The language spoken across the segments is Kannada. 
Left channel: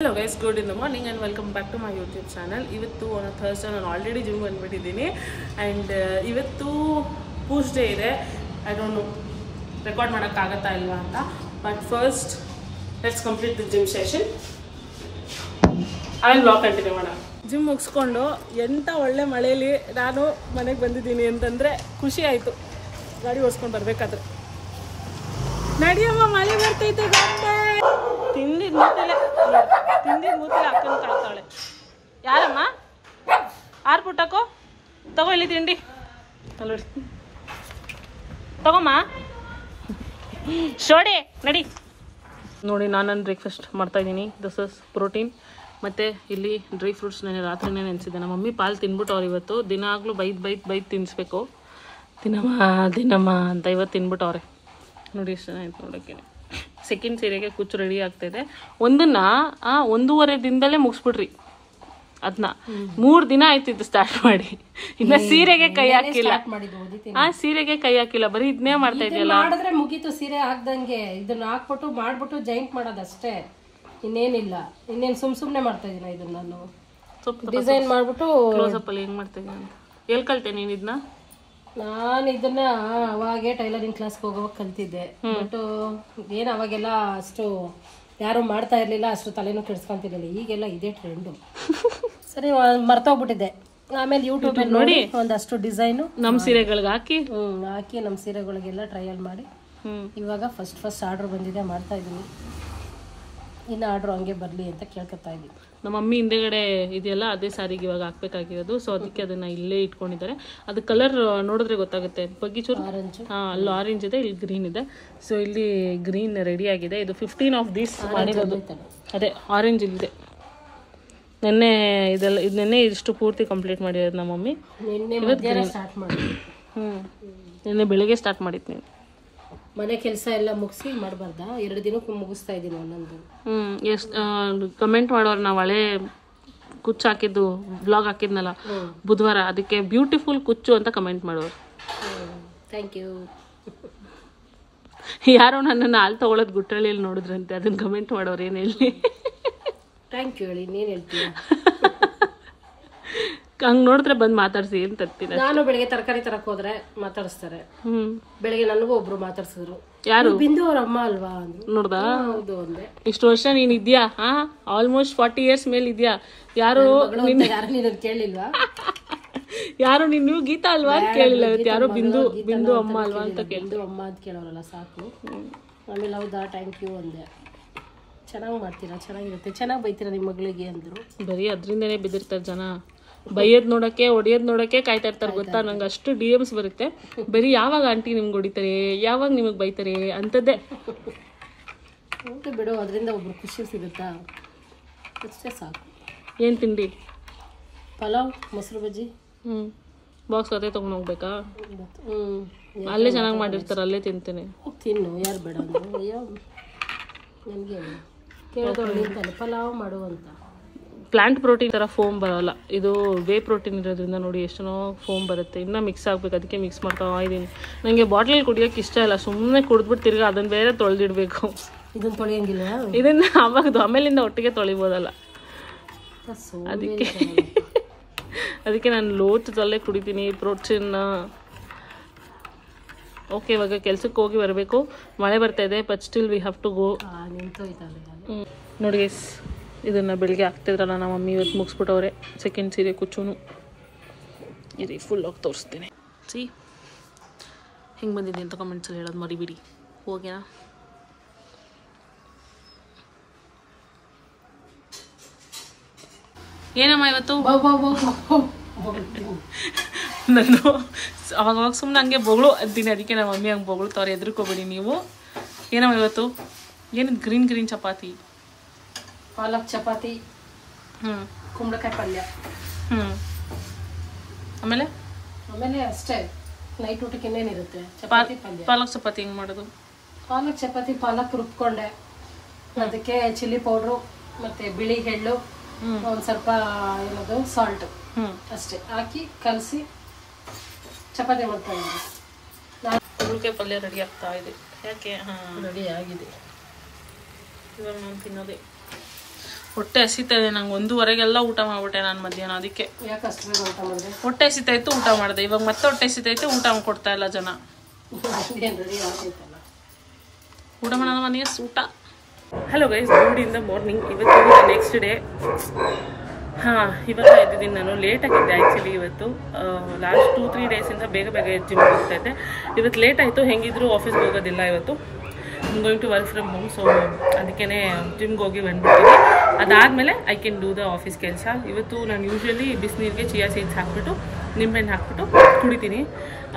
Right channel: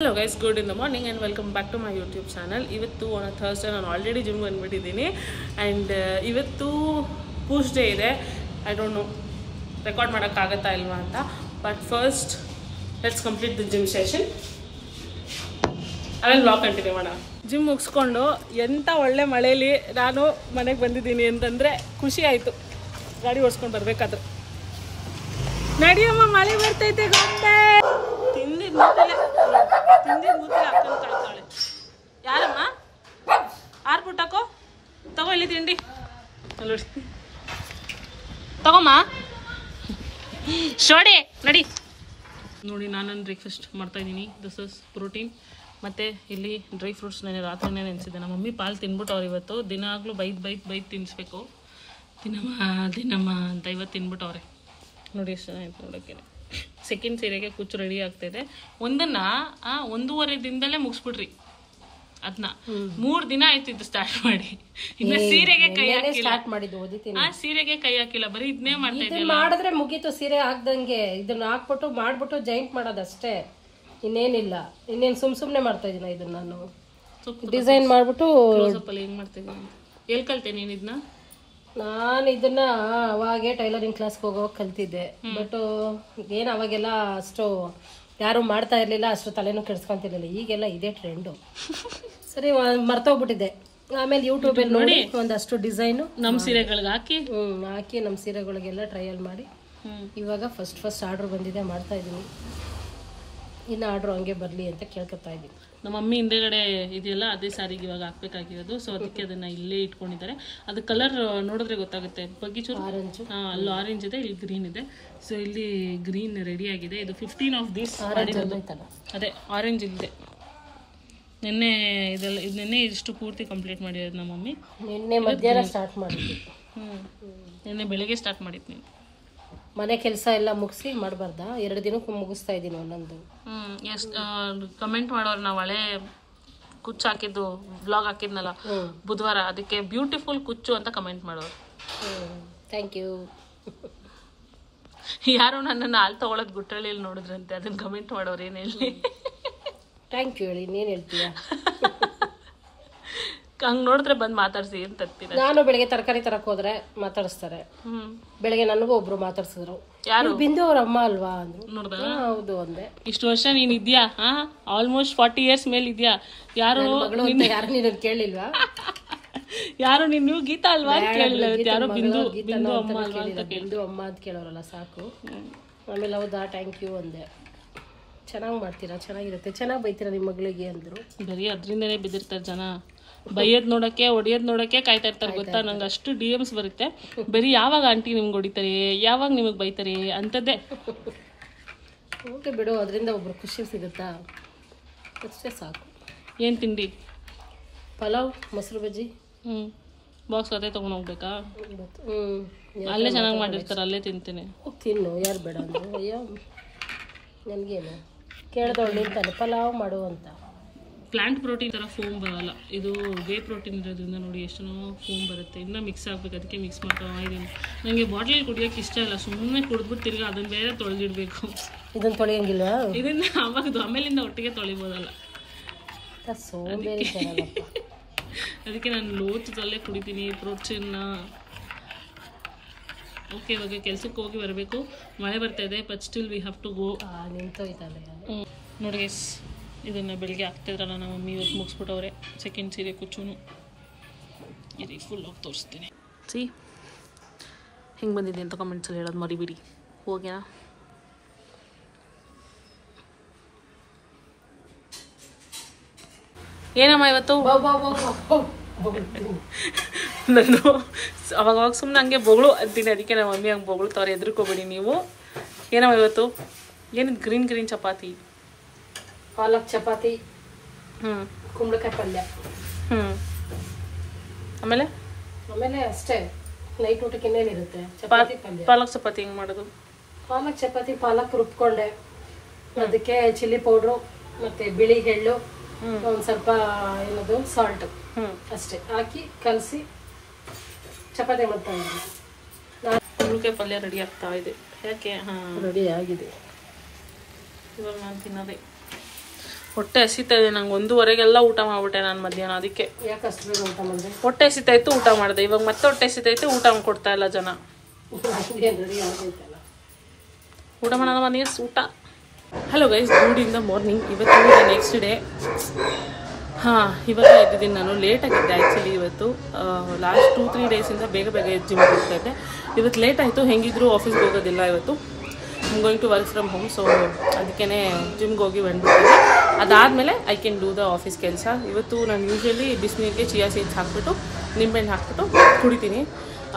Hello guys, good in the morning and welcome back to my YouTube channel. ಇವತ್ತು on a Thursday ನಾನು ಆಲ್ರೆಡಿ ಜಿಮ್ ಬಂದ್ಬಿಟ್ಟಿದ್ದೀನಿ ಆ್ಯಂಡ್ ಇವತ್ತು ಪೂಜ್ ಡೇ ಇದೆ. ಐ ಡೋಂಟ್ ನೋ ರೆಕಾರ್ಡ್ ಮಾಡೋಕ್ಕಾಗತ್ತಾ ಇಲ್ವಾ ಅಂತ, but first let's complete the gym session. ಆಮೇಲೆ ಬ್ಲಾಗ್ ಕಂಟಿನ್ಯೂ ಮಾಡೋಣ. ಜಿಮ್ ಮುಗಿಸ್ಕೊಂಡು ಎಂಥ ಒಳ್ಳೆ ಮಳೆಯಲ್ಲಿ ನಾನು ಮನೆಗೆ ಬಂದಿದ್ದೀನಿ ಅಂತಂದರೆ ಖುಷಿ ಆಯಿತು. ಗಾಡಿ ಓಡಿಸ್ಕೊಂಡು ಬರಬೇಕಾದ್ರೆ ನಡಿಯಮ್ಮ ಮಳೆ ಬರ್ತೈತೆ ಗೊತ್ತೇ. ತಿಂದಿದ್ ಮೂತಿಲ್ಲ ಅಕ್ಕನ ಕಾಯ್ತಾಳೆ. ಯಾರಮ್ಮ ಆರ್ಪುಟ್ಟಕ್ಕೋ ತಗೋ ಇಲ್ಲಿ ತಿಂಡಿ ಅಲ್ಲ ತಗೋಮ್ಮ ಶೋಡಿ ನಡಿ. ನೋಡಿ ನಾನು ಬ್ರೇಕ್ಫಾಸ್ಟ್ ಮಾಡ್ತಾಯಿದ್ದೀನಿ. ದಿಸ್ ಇಸ್ ಪ್ರೋಟೀನ್ ಮತ್ತು ಇಲ್ಲಿ ಡ್ರೈ ಫ್ರೂಟ್ಸ್ ನಾನು ರಾತ್ರಿನೇ ನೆನೆಸಿದ್ದೆ. ನಮ್ಮ ಮಮ್ಮಿ ಪಾಲು ತಿನ್ಬಿಟ್ಟು ಅವ್ರು ಇವತ್ತು ದಿನಾಗಲೂ ಬೈದು ತಿನ್ನಿಸ್ಬೇಕು ದಿನಮ್ಮ ಅಂತ ಇವತ್ತು ತಿನ್ಬಿಟ್ಟು ನೋಡಿ ಇಷ್ಟು ಆಯ್ತು ನೋಡೋಕ್ಕೆ. ಸೆಕೆಂಡ್ ಸೀರೆಗೆ ಕುಚ್ಚು ರೆಡಿ ಆಗ್ತಾಯಿದೆ. ಒಂದನ್ನ 1.5 ದಿನದಲ್ಲೇ ಮುಗಿಸ್ಬಿಡ್ರಿ. ಅದನ್ನ 3 ದಿನ ಆಯ್ತಿದ್ದು ಸ್ಟಾರ್ಟ್ ಮಾಡಿ. ಇನ್ನ ಸೀರೆಗೆ ಕೈ ಹಾಕಿಲ್ಲ. ಸೀರೆಗೆ ಕೈ ಹಾಕಿಲ್ಲ, ಬರೀ ಇದನ್ನೇ ಮಾಡ್ತಾ ಇದೆಯಲ್ಲ. ಮಾಡಿದ್ರೆ ಮುಗೀತು. ಸೀರೆ ಹಾಕ್ದಂಗೆ ಇದನ್ನ ಹಾಕ್ಬಿಟ್ಟು ಮಾಡ್ಬಿಟ್ಟು ಜಾಯಿಂಟ್ ಮಾಡೋದಷ್ಟೇ, ಇನ್ನೇನಿಲ್ಲ. ಇನ್ನೇನು ಸುಮ್ನೆ ಮಾಡ್ತಾ ಇದೀನ ಇದನ್ನ ನಾನು ಡಿಸೈನ್ ಮಾಡ್ಬಿಟ್ಟು. ಕ್ಲೋಸಪ್ ಅಲ್ಲಿ ಹೆಂಗ್ ಮಾಡ್ತಾ ಇದ್ದೀನಿ ಎಲ್ಲಿ ಕಲ್ತೆ ನೀನ್ ಇದನ್ನ? ನಾನು ಇದನ್ನ ಅವಾಗೆ ಟೈಲರಿಂಗ್ ಕ್ಲಾಸ್ಗೆ ಹೋಗೋವಾಗ ಕಲ್ತಿದ್ದೆ. ಬಟ್ ಏನ್ ಅವಾಗೆಲ್ಲ ಅಷ್ಟು ಯಾರು ಮಾಡ್ತಾ ಇರ್ಲಿಲ್ಲ, ಅಷ್ಟು ತಲೆನೂ ಕೆಡ್ಸ್ಕೊಂತಿರ್ಲಿಲ್ಲ. ಈಗೆಲ್ಲ ಇದೇ ಟ್ರೆಂಡು. ಸರಿ ಮರ್ತೋಗ್ಬಿಟ್ಟಿದ್ದೆ. ಆಮೇಲೆ ಯೂಟ್ಯೂಬ್ ಅಲ್ಲಿ ನೋಡಿ ಒಂದಷ್ಟು ಡಿಸೈನು ನಮ್ ಸೀರೆಗಳಿಗೆ ಹಾಕಿ ನಮ್ ಸೀರೆಗಳಿಗೆಲ್ಲ ಟ್ರಯಲ್ ಮಾಡಿ ಇವಾಗ ಫಸ್ಟ್ ಆರ್ಡರ್ ಬಂದಿದೆ, ಮಾಡ್ತಾ ಇದೀನಿ. ಇನ್ನು ಆರ್ಡರ್ ಹಂಗೆ ಬರ್ಲಿ ಅಂತ ಕೇಳ್ಕೊತಾ ಇದ್ದೀನಿ. ನಮ್ಮ ಮಮ್ಮಿ ಹಿಂದೆಗಡೆ ಇದೆಯಲ್ಲ ಅದೇ ಸಾರಿಗೆ ಇವಾಗ ಹಾಕ್ಬೇಕಾಗಿರೋದು. ಸೊ ಅದಕ್ಕೆ ಅದನ್ನ ಇಲ್ಲೇ ಇಟ್ಕೊಂಡಿದ್ದಾರೆ. ಅದು ಕಲರ್ ನೋಡಿದ್ರೆ ಗೊತ್ತಾಗುತ್ತೆ. ಬಗ್ಗಿಚೂರು ಆರೆಂಜ್, ಅಲ್ಲಿ ಆರೆಂಜ್ ಇದೆ, ಇಲ್ಲಿ ಗ್ರೀನ್ ಇದೆ. ಸೊ ಇಲ್ಲಿ ಗ್ರೀನ್ ರೆಡಿ ಆಗಿದೆ. ಇದು 15 ಆಫ್ ದೀಸ್ ಮಾಡಿರೋದು. ಅದೇ ಆರೆಂಜ್ ಇದೆ. ನೆನ್ನೆ ಇಷ್ಟು ಪೂರ್ತಿ ಕಂಪ್ಲೀಟ್ ಮಾಡಿರೋದು ನಮ್ಮ ಮಮ್ಮಿ. ನಿನ್ನೆ ಮಧ್ಯಾಹ್ನ ಸ್ಟಾರ್ಟ್ ಮಾಡಿ ನಿನ್ನೆ ಬೆಳಿಗ್ಗೆ ಸ್ಟಾರ್ಟ್ ಮಾಡಿತ್ತು. ನೀವು ಮನೆ ಕೆಲಸ ಎಲ್ಲ ಮುಗಿಸಿ ಮಾಡಬಾರ್ದಾ? 2 ದಿನಕ್ಕೂ ಮುಗಿಸ್ತಾ ಇದ್ದೀನಿ ಒಂದೊಂದು. ಎಷ್ಟು ಕಮೆಂಟ್ ಮಾಡೋರು ನಾವು ಹಳೆ ಕುಚ್ಚು ಹಾಕಿದ್ದು ಬ್ಲಾಗ್ ಹಾಕಿದ್ನಲ್ಲ ಬುಧವಾರ, ಅದಕ್ಕೆ ಬ್ಯೂಟಿಫುಲ್ ಕುಚ್ಚು ಅಂತ ಕಮೆಂಟ್ ಮಾಡೋರು. Thank you. ಯಾರೋ ನನ್ನನ್ನು ಹಾಲು ತಗೊಳ್ಳೋದು ಗುಟ್ಟಳ್ಳಿಯಲ್ಲಿ ನೋಡಿದ್ರಂತೆ, ಅದನ್ನ ಕಮೆಂಟ್ ಮಾಡೋರು. ಏನು ಹೇಳಿ ಥ್ಯಾಂಕ್ ಯು ಹೇಳಿ, ನೀನು ಹೇಳ್ತೀಯ. ಹಂಗ್ ನೋಡಿದ್ರೆ ಬಂದ್ ಮಾತಾಡ್ಸಿ ಅಂತ ತರ್ತೀನಿ. ನಾನು ಬೆಳಗ್ಗೆ ತರಕಾರಿ ತರಕ್ ಹೋದ್ರೆ ಮಾತಾಡಿಸ್ತಾರೆ. ಬೆಳಗ್ಗೆ ನನಗೂ ಒಬ್ರು ಮಾತಾಡ್ಸಿದ್ರು. ಯಾರು? ಬಿಂದು ಅವ್ರ ಅಮ್ಮ ಅಲ್ವಾ ಅಂದ್ರು. ನೋಡ್ದಾ? ಹೌದು ಅಂದೆ. ಇಷ್ಟು ವರ್ಷ ನೀನ್ ಇದ್ಯಾ? ಆಲ್ಮೋಸ್ಟ್ 40 years ಮೇಲೆ ಇದ್ಯಾ. ಯಾರು ನೀನು ಕೇಳಿಲ್ವಾ? ಯಾರು ನೀವು ಗೀತಾ ಅಲ್ವಾ ಅಂತ ಕೇಳಿಲ್ಲ. ಯಾರೋ ಬಿಂದು ಅಮ್ಮ ಅಲ್ವಾ ಅಂತ ಬಿಂದು ಅಮ್ಮ ಅಂತ ಕೇಳೋರಲ್ಲ ಸಾಕು. ಆಮೇಲೆ ಹೌದಾ ಥ್ಯಾಂಕ್ ಯು ಅಂದೆ. ಚೆನ್ನಾಗಿ ಮಾಡ್ತೀರಾ, ಚೆನ್ನಾಗಿರುತ್ತೆ, ಚೆನ್ನಾಗಿ ಬೈತೀರಾ ನಿಮ್ಮ ಮಗಳಿಗೆ ಅಂದ್ರು. ಬರೀ ಅದ್ರಿಂದನೇ ಬಿದ್ದಿರ್ತಾರೆ ಜನ. ಬೈಯೋದ್ ನೋಡಕ್ಕೆ ಹೊಡಿಯೋದ್ ನೋಡಕ್ಕೆ ಕಾಯ್ತಾ ಇರ್ತಾರೆ ಗೊತ್ತಾ. ನಂಗೆ ಅಷ್ಟು DMs ಬರುತ್ತೆ. ಬರೀ ಯಾವಾಗ ಆಂಟಿ ನಿಮ್ಗೆ ಹೊಡಿತಾರೆ, ಯಾವಾಗ ನಿಮಗ್ ಬೈತಾರೆ ಅಂತದ್ದೇ. ಓಕೆ ಬಿಡು, ಅದರಿಂದ ಒಬ್ರು ಖುಷಿ ಸಿಗುತ್ತಾ, ಅಷ್ಟೇ ಸಾಕು. ಏನ್ ತಿಂಡಿ? ಪಲಾವ್, ಮೊಸರು ಬಜ್ಜಿ. ಬಾಕ್ಸ್ ಅದೇ ತಗೊಂಡ್ ಹೋಗ್ಬೇಕಾ? ಅಲ್ಲೇ ಚೆನ್ನಾಗಿ ಮಾಡಿರ್ತಾರೆ, ಅಲ್ಲೇ ತಿಂತೇನೆ. ತಿನ್ನು, ಯಾರು ಬೇಡ ಅಂದ್ರು. ಅಯ್ಯೋ ನನಗೇನು ಕೇಳಿದವ್ರು ನಿಂತಾನೆ ಪಲಾವ್ ಮಾಡು ಅಂತ. ಪ್ಲಾಂಟ್ ಪ್ರೋಟೀನ್ ಥರ ಫೋಮ್ ಬರೋಲ್ಲ, ಇದು ವೇ ಪ್ರೋಟೀನ್ ಇರೋದ್ರಿಂದ ನೋಡಿ ಎಷ್ಟೋ ಫೋಮ್ ಬರುತ್ತೆ. ಇನ್ನೂ ಮಿಕ್ಸ್ ಆಗಬೇಕು, ಅದಕ್ಕೆ ಮಿಕ್ಸ್ ಮಾಡ್ತಾ ಇದ್ದೀನಿ. ನನಗೆ ಬಾಟ್ಲಲ್ಲಿ ಕುಡಿಯೋಕೆ ಇಷ್ಟ ಇಲ್ಲ, ಸುಮ್ಮನೆ ಕುಡಿದ್ಬಿಟ್ಟು ತಿರ್ಗಿ ಅದನ್ನು ಬೇರೆ ತೊಳೆದಿಡ್ಬೇಕು. ಇದನ್ನು ತೊಳೆಯಂಗಿಲ್ವಾ? ಇದನ್ನು ಅವಾಗದು ಆಮೇಲಿಂದ ಒಟ್ಟಿಗೆ ತೊಳಿಬೋದಲ್ಲ. ಅದಕ್ಕೆ ನಾನು ಲೋಚದಲ್ಲೇ ಕುಡಿತೀನಿ ಪ್ರೋಟೀನ್. ಓಕೆ, ಇವಾಗ ಕೆಲ್ಸಕ್ಕೆ ಹೋಗಿ ಬರಬೇಕು. ಮಳೆ ಬರ್ತಾ ಇದೆ, but still we have to go. ನೋಡಿ ಇದನ್ನು ಬೆಳಿಗ್ಗೆ ಹಾಕ್ತಿದ್ರಲ್ಲ ನಮ್ಮ ಮಮ್ಮಿ, ಇವತ್ತು ಮುಗಿಸ್ಬಿಟ್ಟವ್ರೆ. ಸೆಕೆಂಡ್ ಸೀರೆ ಕುಚ್ಚುನು ಇದು ಫುಲ್ ಆಗಿ ತೋರಿಸ್ತೀನಿ. ಸಿ ಹೆಂಗೆ ಬಂದಿದೆ ಅಂತ ಕಮೆಂಟ್ಸಲ್ಲಿ ಹೇಳೋದು ಮರಿಬಿಡಿ. ಹೋಗ್ಯಾ ಏನಮ್ಮ ಇವತ್ತು? ನಾನು ಅವಾಗ ಸುಮ್ಮನೆ ಹಂಗೆ ಬೊಗಳು ಅಂತೀನಿ, ಅದಕ್ಕೆ ನಮ್ಮ ಮಮ್ಮಿ ಹಂಗೆ ಬೊಗಳ್ತವ್ರೆ, ಎದ್ರುಕೋಬೇಡಿ ನೀವು. ಏನಮ್ಮ ಇವತ್ತು? ಏನಿದು ಗ್ರೀನ್ ಚಪಾತಿ? ಪಾಲಕ್ ಚಪಾತಿ, ಕುಂಬಳಕಾಯಿ ಪಲ್ಯ. ಆಮೇಲೆ ಅಷ್ಟೇ. ನೈಟ್ ಊಟಕ್ಕೆ ಇನ್ನೇನಿರುತ್ತೆ? ಚಪಾತಿ ಪಲ್ಯ. ಪಾಲಕ್ ಚಪಾತಿ ಹೆಂಗ್ ಮಾಡೋದು? ಪಾಲಕ್ ಚಪಾತಿ ಪಾಲಕ್ ರುಬ್ಕೊಂಡೆ, ಅದಕ್ಕೆ ಚಿಲ್ಲಿ ಪೌಡ್ರು ಮತ್ತೆ ಬಿಳಿ ಎಳ್ಳು, ಒಂದ್ ಸ್ವಲ್ಪ ಏನದು ಸಾಲ್ಟ್ ಅಷ್ಟೇ ಹಾಕಿ ಕಲಸಿ ಚಪಾತಿ ಮಾಡ್ತಾ ಇದ್ದೀನಿ. ಕುಂಬಳಕಾಯಿ ಪಲ್ಯ ರೆಡಿ ಆಗ್ತಾ ಇದೆ. ಯಾಕೆ? ರೆಡಿ ಆಗಿದೆ. ಇವಾಗ ನಾನು ತಿನ್ನೋದೇ ಹೊಟ್ಟೆ ಹಸಿತಾ ಇದೆ ನಂಗೆ. 1:30ಗೆಲ್ಲ ಊಟ ಮಾಡ್ಬಿಟ್ಟೆ ನಾನು ಮಧ್ಯಾಹ್ನ. ಅದಕ್ಕೆ ಯಾಕೆ ಅಷ್ಟು ಬೇಗ ಊಟ ಮಾಡಿದೆ? ಹೊಟ್ಟೆ ಹಸಿತಾ ಇತ್ತು, ಊಟ ಮಾಡಿದೆ. ಇವಾಗ ಮತ್ತೆ ಹೊಟ್ಟೆ ಹಸಿತಾ ಇತ್ತು, ಊಟ ಕೊಡ್ತಾ ಇಲ್ಲ ಜನ. ಊಟ ಮಾಡೋಣ ಮನೆಯ ಊಟ. Hello guys, good in the morning. ಇವತ್ತು ನೆಕ್ಸ್ಟ್ ಡೇ. ಇವಾಗ ಎದ್ದಿದ್ದೀನಿ ನಾನು. ಲೇಟಾಗಿದ್ದೆ ಆ್ಯಕ್ಚುಲಿ. ಇವತ್ತು ಲಾಸ್ಟ್ 2-3 ಡೇಸಿಂದ ಬೇಗ ಜಿಮ್ ಹೋಗ್ತಾ ಇದ್ದೆ. ಇವತ್ತು ಲೇಟ್ ಆಯಿತು. ಹೆಂಗಿದ್ರು ಆಫೀಸ್ಗೆ ಹೋಗೋದಿಲ್ಲ ಇವತ್ತು. Going to work from home. So ಅದಕ್ಕೇ ಜಿಮ್ಗೆ ಹೋಗಿ ಬಂದ್ಬಿಡ್ತೀನಿ. ಅದಾದಮೇಲೆ I can do the office ಕೆಲಸ. ಇವತ್ತು ನಾನು ಯೂಶ್ವಲಿ ಬಿಸಿನೀರಿಗೆ ಚಿಯಾ ಸೀಡ್ಸ್ ಹಾಕ್ಬಿಟ್ಟು ನಿಂಬೆಹಣ್ಣು ಹಾಕ್ಬಿಟ್ಟು ಕುಡಿತೀನಿ.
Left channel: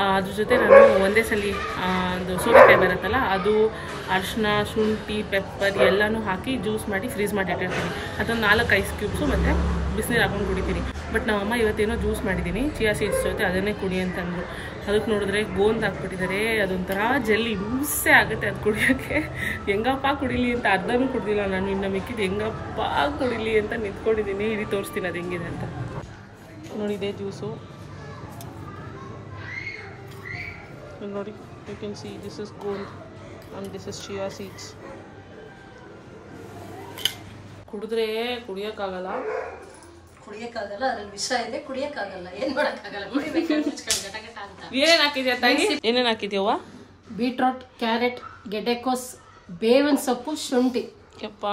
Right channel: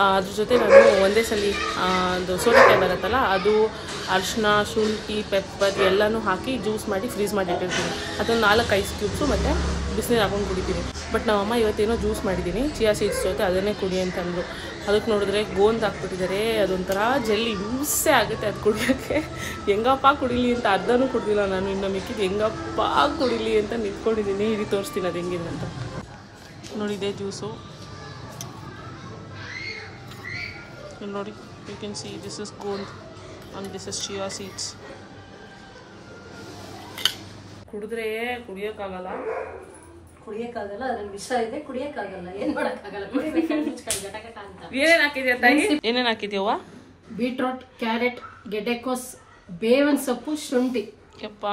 ಅದ್ರ ಜೊತೆ ನಾನು ಒಂದೇ ಸಲ ಒಂದು ಸೋರೆಕಾಯಿ ಬರುತ್ತಲ್ಲ, ಅದು ಅರಿಶಿನ, ಶುಂಠಿ, ಪೆಪ್ಪರ್ ಎಲ್ಲನೂ ಹಾಕಿ ಜ್ಯೂಸ್ ಮಾಡಿ ಫ್ರೀಸ್ ಮಾಡಿ ಇಟ್ಟಿರ್ತೀನಿ. ಅದೊಂದು 4 ಐಸ್ ಕ್ಯೂಬ್ಸು ಮತ್ತು ಬಿಸಿನೀರು ಹಾಕೊಂಡು ಕುಡಿತೀನಿ. ಬಟ್ ನಮ್ಮಮ್ಮ ಇವತ್ತೇನೋ ಜ್ಯೂಸ್ ಮಾಡಿದ್ದೀನಿ ಚಿಯಾ ಸೀಡ್ಸ್ ಜೊತೆ, ಅದನ್ನೇ ಕುಡಿ ಅಂತಂದರು. ಅದಕ್ಕೆ ನೋಡಿದ್ರೆ ಗೋಂದ್ ಹಾಕ್ಬಿಟ್ಟಿದ್ದಾರೆ. ಅದೊಂಥರ ಜೆಲ್ಲಿ ಹಿಂಸೆ ಆಗುತ್ತೆ ಅದು ಕುಡಿಯೋಕ್ಕೆ. ಹೆಂಗಪ್ಪ ಕುಡಿಲಿ ಅಂತ ಅರ್ಧನೂ ಕುಡ್ದಿಲ್ಲ ನಾನು. ಇನ್ನು ಮಿಕ್ಕಿದ್ದು ಹೆಂಗಪ್ಪ ಕುಡಿಲಿ ಅಂತ ನಿಂತ್ಕೊಂಡಿದ್ದೀನಿ. ಇಲ್ಲಿ ತೋರಿಸ್ತೀನಿ ಅದು ಹೆಂಗಿದೆ ಅಂತ. ನೋಡಿ, ಇದೇ ಜ್ಯೂಸು ನೋಡಿ. You can see this is gond and this is chia seeds. ಕುಡಿದ್ರೆ ಕುಡಿಯೋಕ್ಕಾಗಲ್ಲ, ಅದ್ರಲ್ಲಿ ವಿಷ ಇದೆ, ಕುಡಿಯಕ್ಕಾಗಲ್ಲ. ಏನ್ ಮಾಡಕ್ಕಾಗಲ್ಲ, ಕುಡಿಬೇಕು ಅಂತ. ಏನೇನು ಹಾಕಿದ್ಯಾ ತಾಯಿ? ಏನೇನು ಹಾಕಿದ್ಯವ್ವ? ಬೀಟ್ರೋಟ್, ಕ್ಯಾರೆಟ್, ಗೆಡ್ಡೆಕೋಸ್, ಬೇವಿನ ಸೊಪ್ಪು, ಶುಂಠಿ. ಯಪ್ಪ,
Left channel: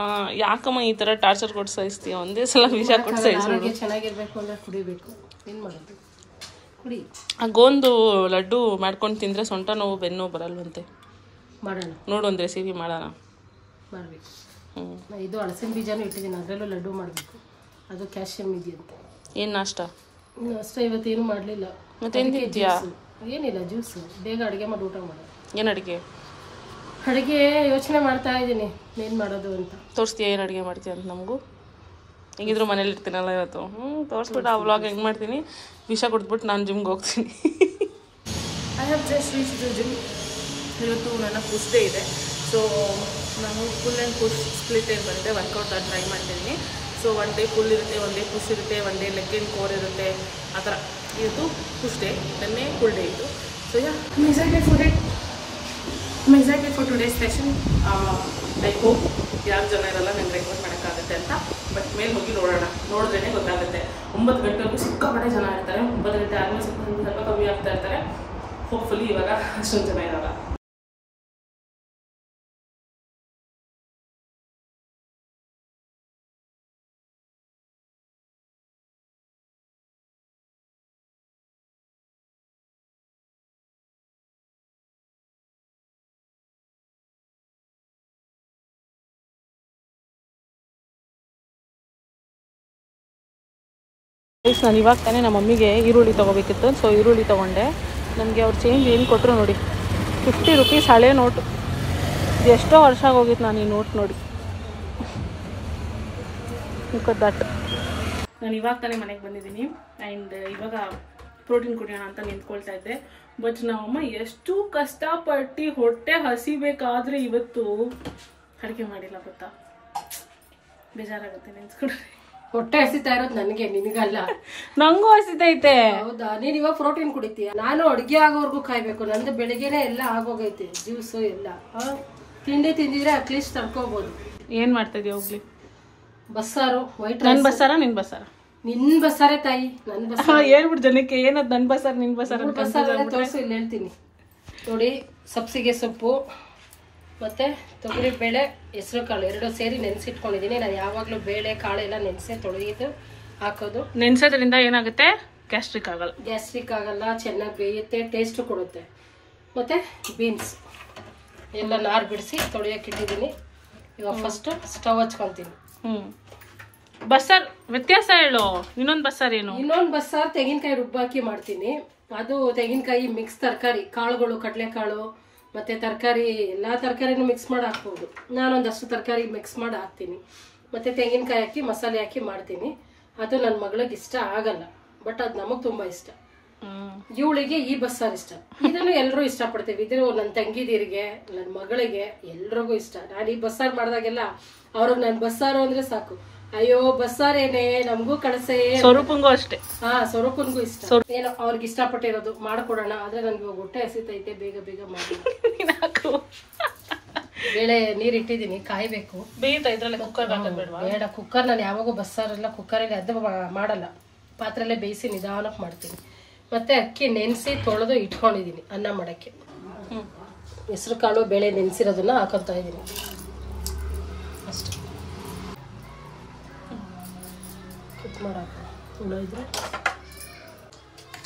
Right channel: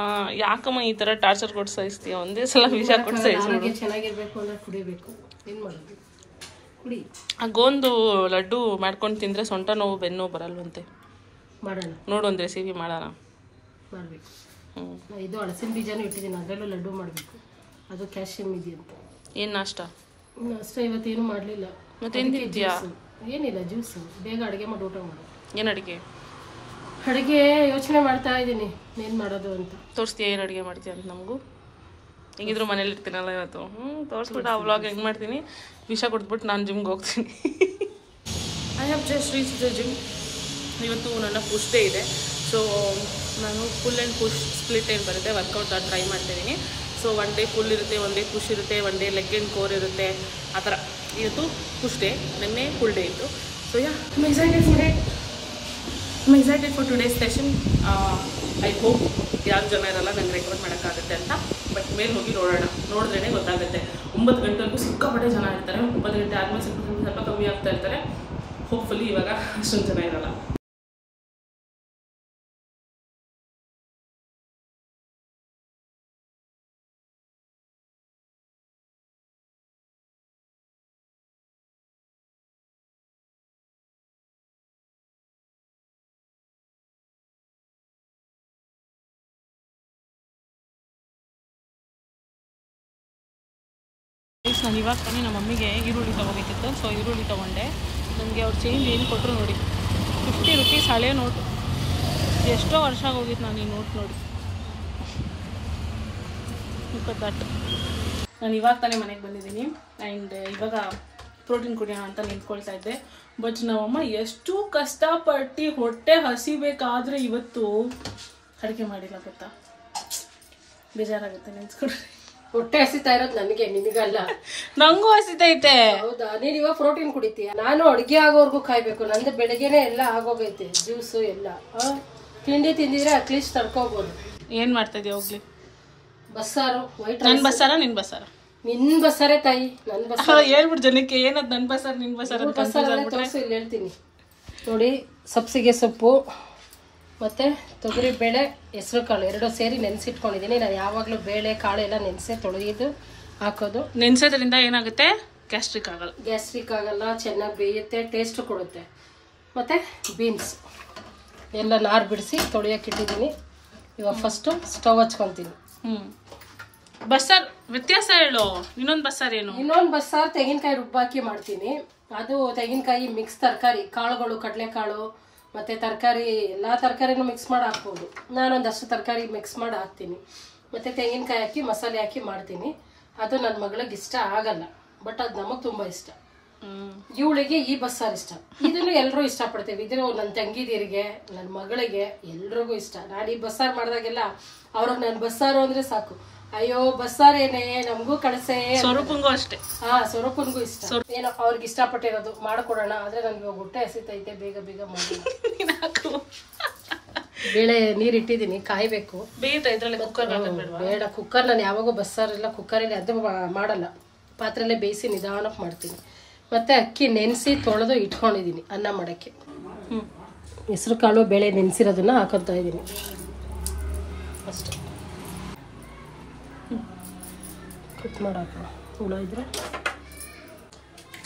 ಯಾಕಮ್ಮ ಈ ತರ ಟಾರ್ಚರ್ ಕೊಟ್ಟು ಸಾಯಿಸ್ತೀಯ? ಒಂದೇ ಸಲ ವಿಷ ಕೊಟ್ಟು ಸಾಯಿಸ್ಬಿಡು. ಚೆನ್ನಾಗಿರ್ಬೇಕು ಅಂದ್ರೆ ಕುಡಿಬೇಕು. ಏನ್ ಮಾಡೋದು, ಕುಡಿ. ಆ ಗೋಂದು ಲಡ್ಡು ಮಾಡ್ಕೊಂಡು ತಿಂದ್ರೆ ಸೊಂಟ ನೋವು, ಬೆನ್ನು ನೋವು ಬರಲ್ವಂತೆ. ಮಾಡೋಣ, ನೋಡು ಒಂದು ರೆಸಿಪಿ ಮಾಡೋಣ. ಮಾಡ್ಬೇಕು. ಇದು ಹಲಸಿನ ಬೀಜನೂ ಇಟ್ಟಿದ್ದೀನಿ, ಅದರಲ್ಲೂ ಲಡ್ಡು ಮಾಡಬೇಕು. ಅದು ಕ್ಯಾಲ್ಸಿಯಂ ಇದೆಯಂತೆ. ಏನು ನಾಷ್ಟ? ಅಷ್ಟೇ, ಇವತ್ತೇನು ಮಾಡಲಿಲ್ಲ. ಮತ್ತೇನು ತಿಂತೀಯಾ? ಏನಿಲ್ಲ, ಜ್ಯೂಸು. ಬೇಗ ಅಡುಗೆ ಮಾಡಿ ಊಟ ಮಾಡು. ಏನು ಅಡುಗೆ? ಅಡುಗೆ ಯೋಚನೆ ಮಾಡ್ತಾ ಇದ್ದೀನಿ ಏನು ಮಾಡೋದು ಅಂತ. ತೋರಿಸ್ತೀಯ ಏನು ಅಡುಗೆ ಮಾಡ್ತೀಯ ಅಂತ ನಮಗೂ? ಹೆಂಗಿದ್ರು ಮನೇಲಿ ಇರ್ತೀನಲ್ಲ ಇವತ್ತು. ತೋರಿಸ್ಬಿಟ್ಟು ಆ ವ್ಲಾಗ್ ಹೆಂಗೆ ಮಾಡ್ತೀನಿ. ವಿಷ ಕೊಟ್ಬಿಟ್ಟು ನಾನು ಜಿಮ್ಗೆ ಹೋಗ್ತೀನಿ. I have just reach the gym. ಇವತ್ತು ನನ್ನ ಪುಷ್ ಡೇ ಇದೆ. ಸೊ ನಾನು ಫುಲ್ ಆ್ಯಂಡ್ ಪುಷ್ ಸ್ಪ್ಲಿಟ್ ಏನು ಬರುತ್ತೆ ವರ್ಕೌಟ್ ಅದು ಟ್ರೈ ಮಾಡ್ತಿದ್ದೀನಿ. ಸೊ 1 ಡೇ ಫುಲ್ ಇರುತ್ತೆ, 1 ಡೇ ಪುಷ್ ಇರುತ್ತೆ, 1 ಡೇ ಲೆಗ್ ಆ್ಯಂಡ್ ಕೋರ್ ಇರುತ್ತೆ, ಆ ಥರ. ಇವತ್ತು ಪುಷ್ ಡೇ, ನೆನ್ನೆ ಫುಲ್ ಡೇ ಇತ್ತು. So yeah, I am excited for today session. I hope ಯಾರು ಜನ ಇರಲ್ಲ ನಂಗೆ ರೆಕಾರ್ಡ್ ಮಾಡೋಕ್ಕಾಗುತ್ತೆ ಅಂತ. ಬಟ್ ಮೇಲೆ ಹೋಗಿ ನೋಡೋಣ, ನೋಡಿದ್ರೇ ಗೊತ್ತಾಗುತ್ತೆ. 9 ಗಂಟೆವರೆಗೂ ಸಿಕ್ಕಾಪಟ್ಟೆ ಜನ ಇರ್ತಾರೆ. 9 ಗಂಟೆ ಆದಮೇಲೆ ಸ್ವಲ್ಪ ಕಮ್ಮಿ ಆಗ್ತಾ ಇರ್ತಾರೆ. ಹೋಪ್ಫುಲಿ ಇವಾಗ ಅಷ್ಟೊಂದು ಜನ ಇರಲ್ಲ. ನಾನು ಇವಾಗ ತಾನೇ ನಮ್ಮ ಮಮ್ಮಿಗೆ ಈರುಳ್ಳಿ ತೊಗೋಬೇಕಿತ್ತು. ಸೊ ಈರುಳ್ಳಿ ತೊಗೊಂಡೆ. ನನಗೆ ಅವ್ರು ಚೇಂಜ್ ಏನು ಕೊಟ್ಟರು ನೋಡಿ, 50 ರೂಪೀಸ್ ಹಳೆ ನೋಟು. ಎಷ್ಟೋ ವರ್ಷ ಆಗೋಗಿತ್ತು ನಾನು ಈ ನೋಟ್ ನೋಡಿ. ದಟ್ ನಾನು ಇವಾಗ ತಾನೇ ಮನೆಗೆ ಬಂದಿದ್ದೀನಿ. ಆ್ಯಂಡ್ ಇವಾಗ ಪ್ರೋಟೀನ್ ಕುಡಿಯೋಣ ಅಂತ ನಿಂತ್ಕೊಳ್ತಾ ಇದ್ದೆ. ಬಟ್ ನಮ್ಮಮ್ಮ ಎಷ್ಟು ಕಷ್ಟಪಟ್ಟು ಹೊಟ್ಟೆ ಹಸಿಬೇಕಾದ್ರೆ ಇವತ್ತು ಅಡುಗೆ ಮಾಡಿಲ್ಲ ಗೊತ್ತಾ. ಬೇಜಾರಾಗುತ್ತೆ ನೆನ್ಸ್ಕೊಂಡ್ರೆ. ಹೊಟ್ಟೆ ಹಸಿತಾ ಇರೋದು ನನಗೆ, ನಿನಗಲ್ಲ. ನಂಗೂ ಹಸಿತೈತೆ. ಹೌದಾ, ನೀನ್ ಇವಾಗ ಪ್ರೋಟೀನ್ ಕುಡಿತೀಯ, ನಾನು ಅಡ್ಗೆ ಆಗೋವರೆಗೂ ಕಾಯ್ಬೇಕು. ನಂದು ಬೆಳಗ್ಗೆನೆ ಎಲ್ಲ ಆಗೋಗೈತೆ, ಜ್ಯೂಸು ಎಲ್ಲ. ತಿಂಡಿ ತಿಂದಿದ್ರೆ ಅಟ್ಲೀಸ್ಟ್ ತಡ್ಕೋಬಹುದು. ಏನ್ ಮಾಡ್ತಾ ಇದೀಯ? ಹೋಗ್ಲಿ. ಬಸ್ಸಾರು, ವೈಟ್. ನನ್ ಬಸ್ಸಾರ ನಿನ್ ಬಸ್ಸಾರ? ನಿನ್ ಬಸ್ಸಾರೇ ತಾಯಿ, ನನ್ ಬಸ್ಸಾರ. ಹೇಳ್ಬಿಟ್ಟು ಜನಕ್ಕೆ ಏನದ್ ನನ್ ಬಸ್ಸಾರ ನಿನ್ ಬಸ್ಸಾರ ಅಂತ ಕನ್ಫ್ಯೂಸ್ ಆಗ್ಬಿಟ್ರೆ. ಇಲ್ಲಿ ಹೇಳ್ತೀನಿ ನೋಡಿ. ಸಬ್ಸಿಗೆ ಸೊಪ್ಪು ಮತ್ತೆ ತೊಗರಿ ಬೇಳೆ, ಹೆಸರು ಕಾಳು 2 ಸೇರಿ ನೆನೆಸಿಟ್ಕೊಂಡಿದ್ದೀನಿ. ನಾನು ಯಾವಾಗಲೂ ಬೇಳೆ ಕಾಳೆಲ್ಲ ನೆನೆಸಿ ತೊಳೆದು ಹಾಕೋದು. ನೆನ್ಸೋದ್ರಿಂದ ಏನಾಗುತ್ತೆ? ಗ್ಯಾಸ್ಟ್ರಿಕ್ ಆಗಲ್ಲ. ಗ್ಯಾಸ್ಟ್ರಿಕ್ ಆಗಲ್ಲ, ಚೆನ್ನಾಗಿ ಬೇಯುತ್ತೆ, ಟೇಸ್ಟ್ ಕೊಡುತ್ತೆ. ಮತ್ತೆ ಬೀನ್ಸ್ ಎಲ್ಲ ನಾರು ಬಿಡಿಸಿ ತೊಳೆಯೋಕೆ ಇಟ್ಟಿದ್ದೀನಿ. ಇವಾಗ ಫಸ್ಟ್ ಸ್ಟವ್ ಹಚ್ಕೊತೀನಿ. ಬಸ್ಸಾರ್ ವ್ಯತ್ಯಾಸ ಹೇಳು. ಇನ್ನೊಂದು ಬಸ್ಸಾರ್ ಏನು? ಇನ್ನೊಂದು ಬಸ್ಸಾರ್ ತೆಂಗಿನಕಾಯಿ ರುಬ್ಬಾಕಿ ಮಾಡ್ತೀನಿ. ಅದು ತೆಂಗಿನಕಾಯಿ ಮಿಕ್ಸ್ ತರಕಾರಿ, ಕಾಳುಗಳು, ಕಡಲೆಕಾಳು ಮತ್ತೆ ತರಕಾರಿ, ಎಲ್ಲ ತರಕಾರಿನೂ ಮಿಕ್ಸ್ ಮಾಡಿ ಹಾಕ್ಬೋದು. ನಾನೊಂದಷ್ಟು ತರಕಾರಿ ಮಿಕ್ಸ್ ಮಾಡಿ ಹಾಕ್ತೀನಿ. ಮತ್ತೆ ತೆಂಗಿನಕಾಯಿ ಹಾಕಿ ಮಸಾಲೆ ಹಾಕಿ ಮಾಡ್ತೀನಿ. ಅದು ನನ್ನ ಮಗಳಿಗೆ ಇಷ್ಟ ಆಗಲ್ಲ, ಬಟ್ ಅದು ನಮಗೆ ತುಂಬಾ ಇಷ್ಟ. ಇವಳಿಗೆ ಈ ಬಸ್ಸಾರು ಇಷ್ಟ. ಇದನ್ನು ಎಲ್ಲರೂ ಇಷ್ಟಪಡ್ತೀವಿ. ಇದು ನನ್ನ ತಂಗಿದಿರಿಗೆ, ನನ್ನ ಮಗಳಿಗೆ, ಎಲ್ರಿಗೂ ಇಷ್ಟ. ನಾನು ಈ ಬಸ್ಸಾರು ಮಾಡಿದಾಗೆಲ್ಲ ಅವ್ರಿಗೆ ನನ್ನ ಬಸ್ಸಾರು ಅಂದ್ರೆ ಸಾಕು. ಅಯ್ಯೋ ಬಸ್ಸಾರೇನೆ ನಮಗೂ ಕಳಸೆ. ಸ್ವರೂಪಂಗೂ ಅಷ್ಟೇ. ಸ್ವರೂಪನ್ಗೂ ಇಷ್ಟ. ಏನೋ ಅವ್ರಿಗೆ ಇಷ್ಟಪಟ್ಟಿರೋದು ಮಾಡ್ಕೊಡೋಣ. ಆದ್ರೆ ನನ್ಗೆ ಇವಾಗ ಹೊಟ್ಟೆ ಹಸಿತೈತೆ, ಬೇಗ ಬೇಗ ಮಾಡಿ. ಬೇಳೆ ನೀರು ಇಟ್ಟಿದ್ದೀನಿ, ಕಾಯಬೇಕು. ಬೇಯುತ್ತಾ ಇದ್ರಲ್ಲೇ ಕುಕ್ಕರ್ ಹಾಕಬೇಡವಾ? ಬೇಡ, ಕುಕ್ಕರ್ ನಾನು ಯಾವಾಗೂ ಬಸ್ಸಾರೆಲ್ಲ ಕುಕ್ಕರಲ್ಲಿ ಅದು ಮಾಡಲ್ಲ, ಪಾತ್ರೆಲ್ಲೇ ಬೇಯಿಸಿ ನಿಧಾನಕ್ಕೆ ಮಾಡ್ತೀನಿ. ಮತ್ತು ಅಕ್ಕಿ ನೆನೆಸಿ ತೊಳೆದು ಇಟ್ಕೊಂಡಿದ್ದೀನಿ ಅನ್ನ ಮಾಡೋಕ್ಕೆ. ಹೆಸರು ಕಾಳು ಬೇಳೆ ನೆನೆಸಿರೋದನ್ನ ಹಾಕೋತಾ ಇದ್ದೀನಿ ಅಷ್ಟೇ. ಕುಕ್ ಮಾಡಾಕ ಹುಳ ಇದ್ರೆ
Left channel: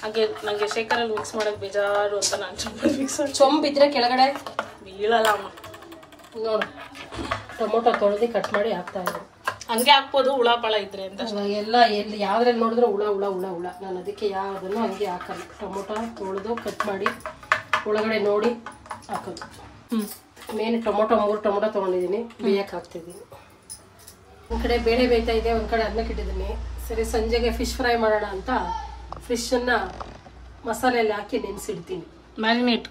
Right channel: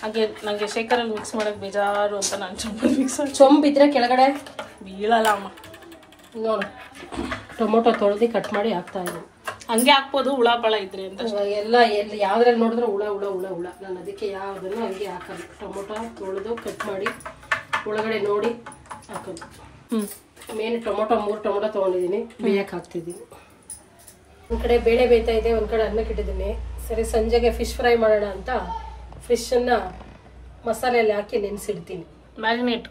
ಹಾಗೆ ನನಗೆ ಶೇಖರಲ್ಲಿ ಮಿಕ್ಸ್ ಮಾಡೋಕ್ಕೆ ಬೇಜಾರು ಅಂತ ನಾನು ಚೊಂಬಿದ್ರೆ ಕೆಳಗಡೆ ಬೀಳಲ್ಲ ಅಮ್ಮ. ನೋಡು, ಟೊಮೊಟೊ ತೊಳೆದು ಕಟ್ ಮಾಡಿ ಹಾಕ್ತಾ ಇದ್ದೀನಿ. ಹಂಗೆ ಹಾಕ್ಬೋದು ಹುಳ ಪಳ ಇದ್ರೆ ಅಂತ. ಎಲ್ಲ ಯಾವ್ದ್ರಲ್ಲಿ ನೋಡಿದ್ರೆ ಹುಳ ಹುಳ ಹುಳ ಹುಳ, ನಾನು ಅದಕ್ಕೆ ಯಾವುದನ್ನು ಹಂಗೆ ಹಾಕಲ್ಲ. ಟೊಮೊಟೊ ತೊಳೆದು ಕಟ್ ಮಾಡಿ ಒಳಗಡೆ ನೋಡಿ ಹಾಕೋದು. ಮೇನ್ ಟೊಮೊಟೊ 3 ಟೊಮೊಟೊ ತೊಗೊಂಡಿದ್ದೀನಿ, ಬೇಯಕ್ಕೆ ಹಾಕ್ತಿದ್ದೀನಿ. ಒಂದು ಕಡೆ ಬೇಳೆ ಬೇಯ್ತಾ ಇದೆ, ಒಂದು ಕಡೆ ಅನ್ನಕ್ಕೆ ಇಟ್ಟಿದ್ದೀನಿ. ಸರಿ, ಸಂಜೆಗೆ ಫಿಶ್ ಫ್ರೈ ಮಾಡೋಣ ಅಂತ ಫಿಶನ್ನು ಮಸಾಲೆಯಲ್ಲಿ ಹಾಕಿ ನೆನೆಸಿಡ್ತೀನಿ. ಮ್ಯಾರಿನೇಟ್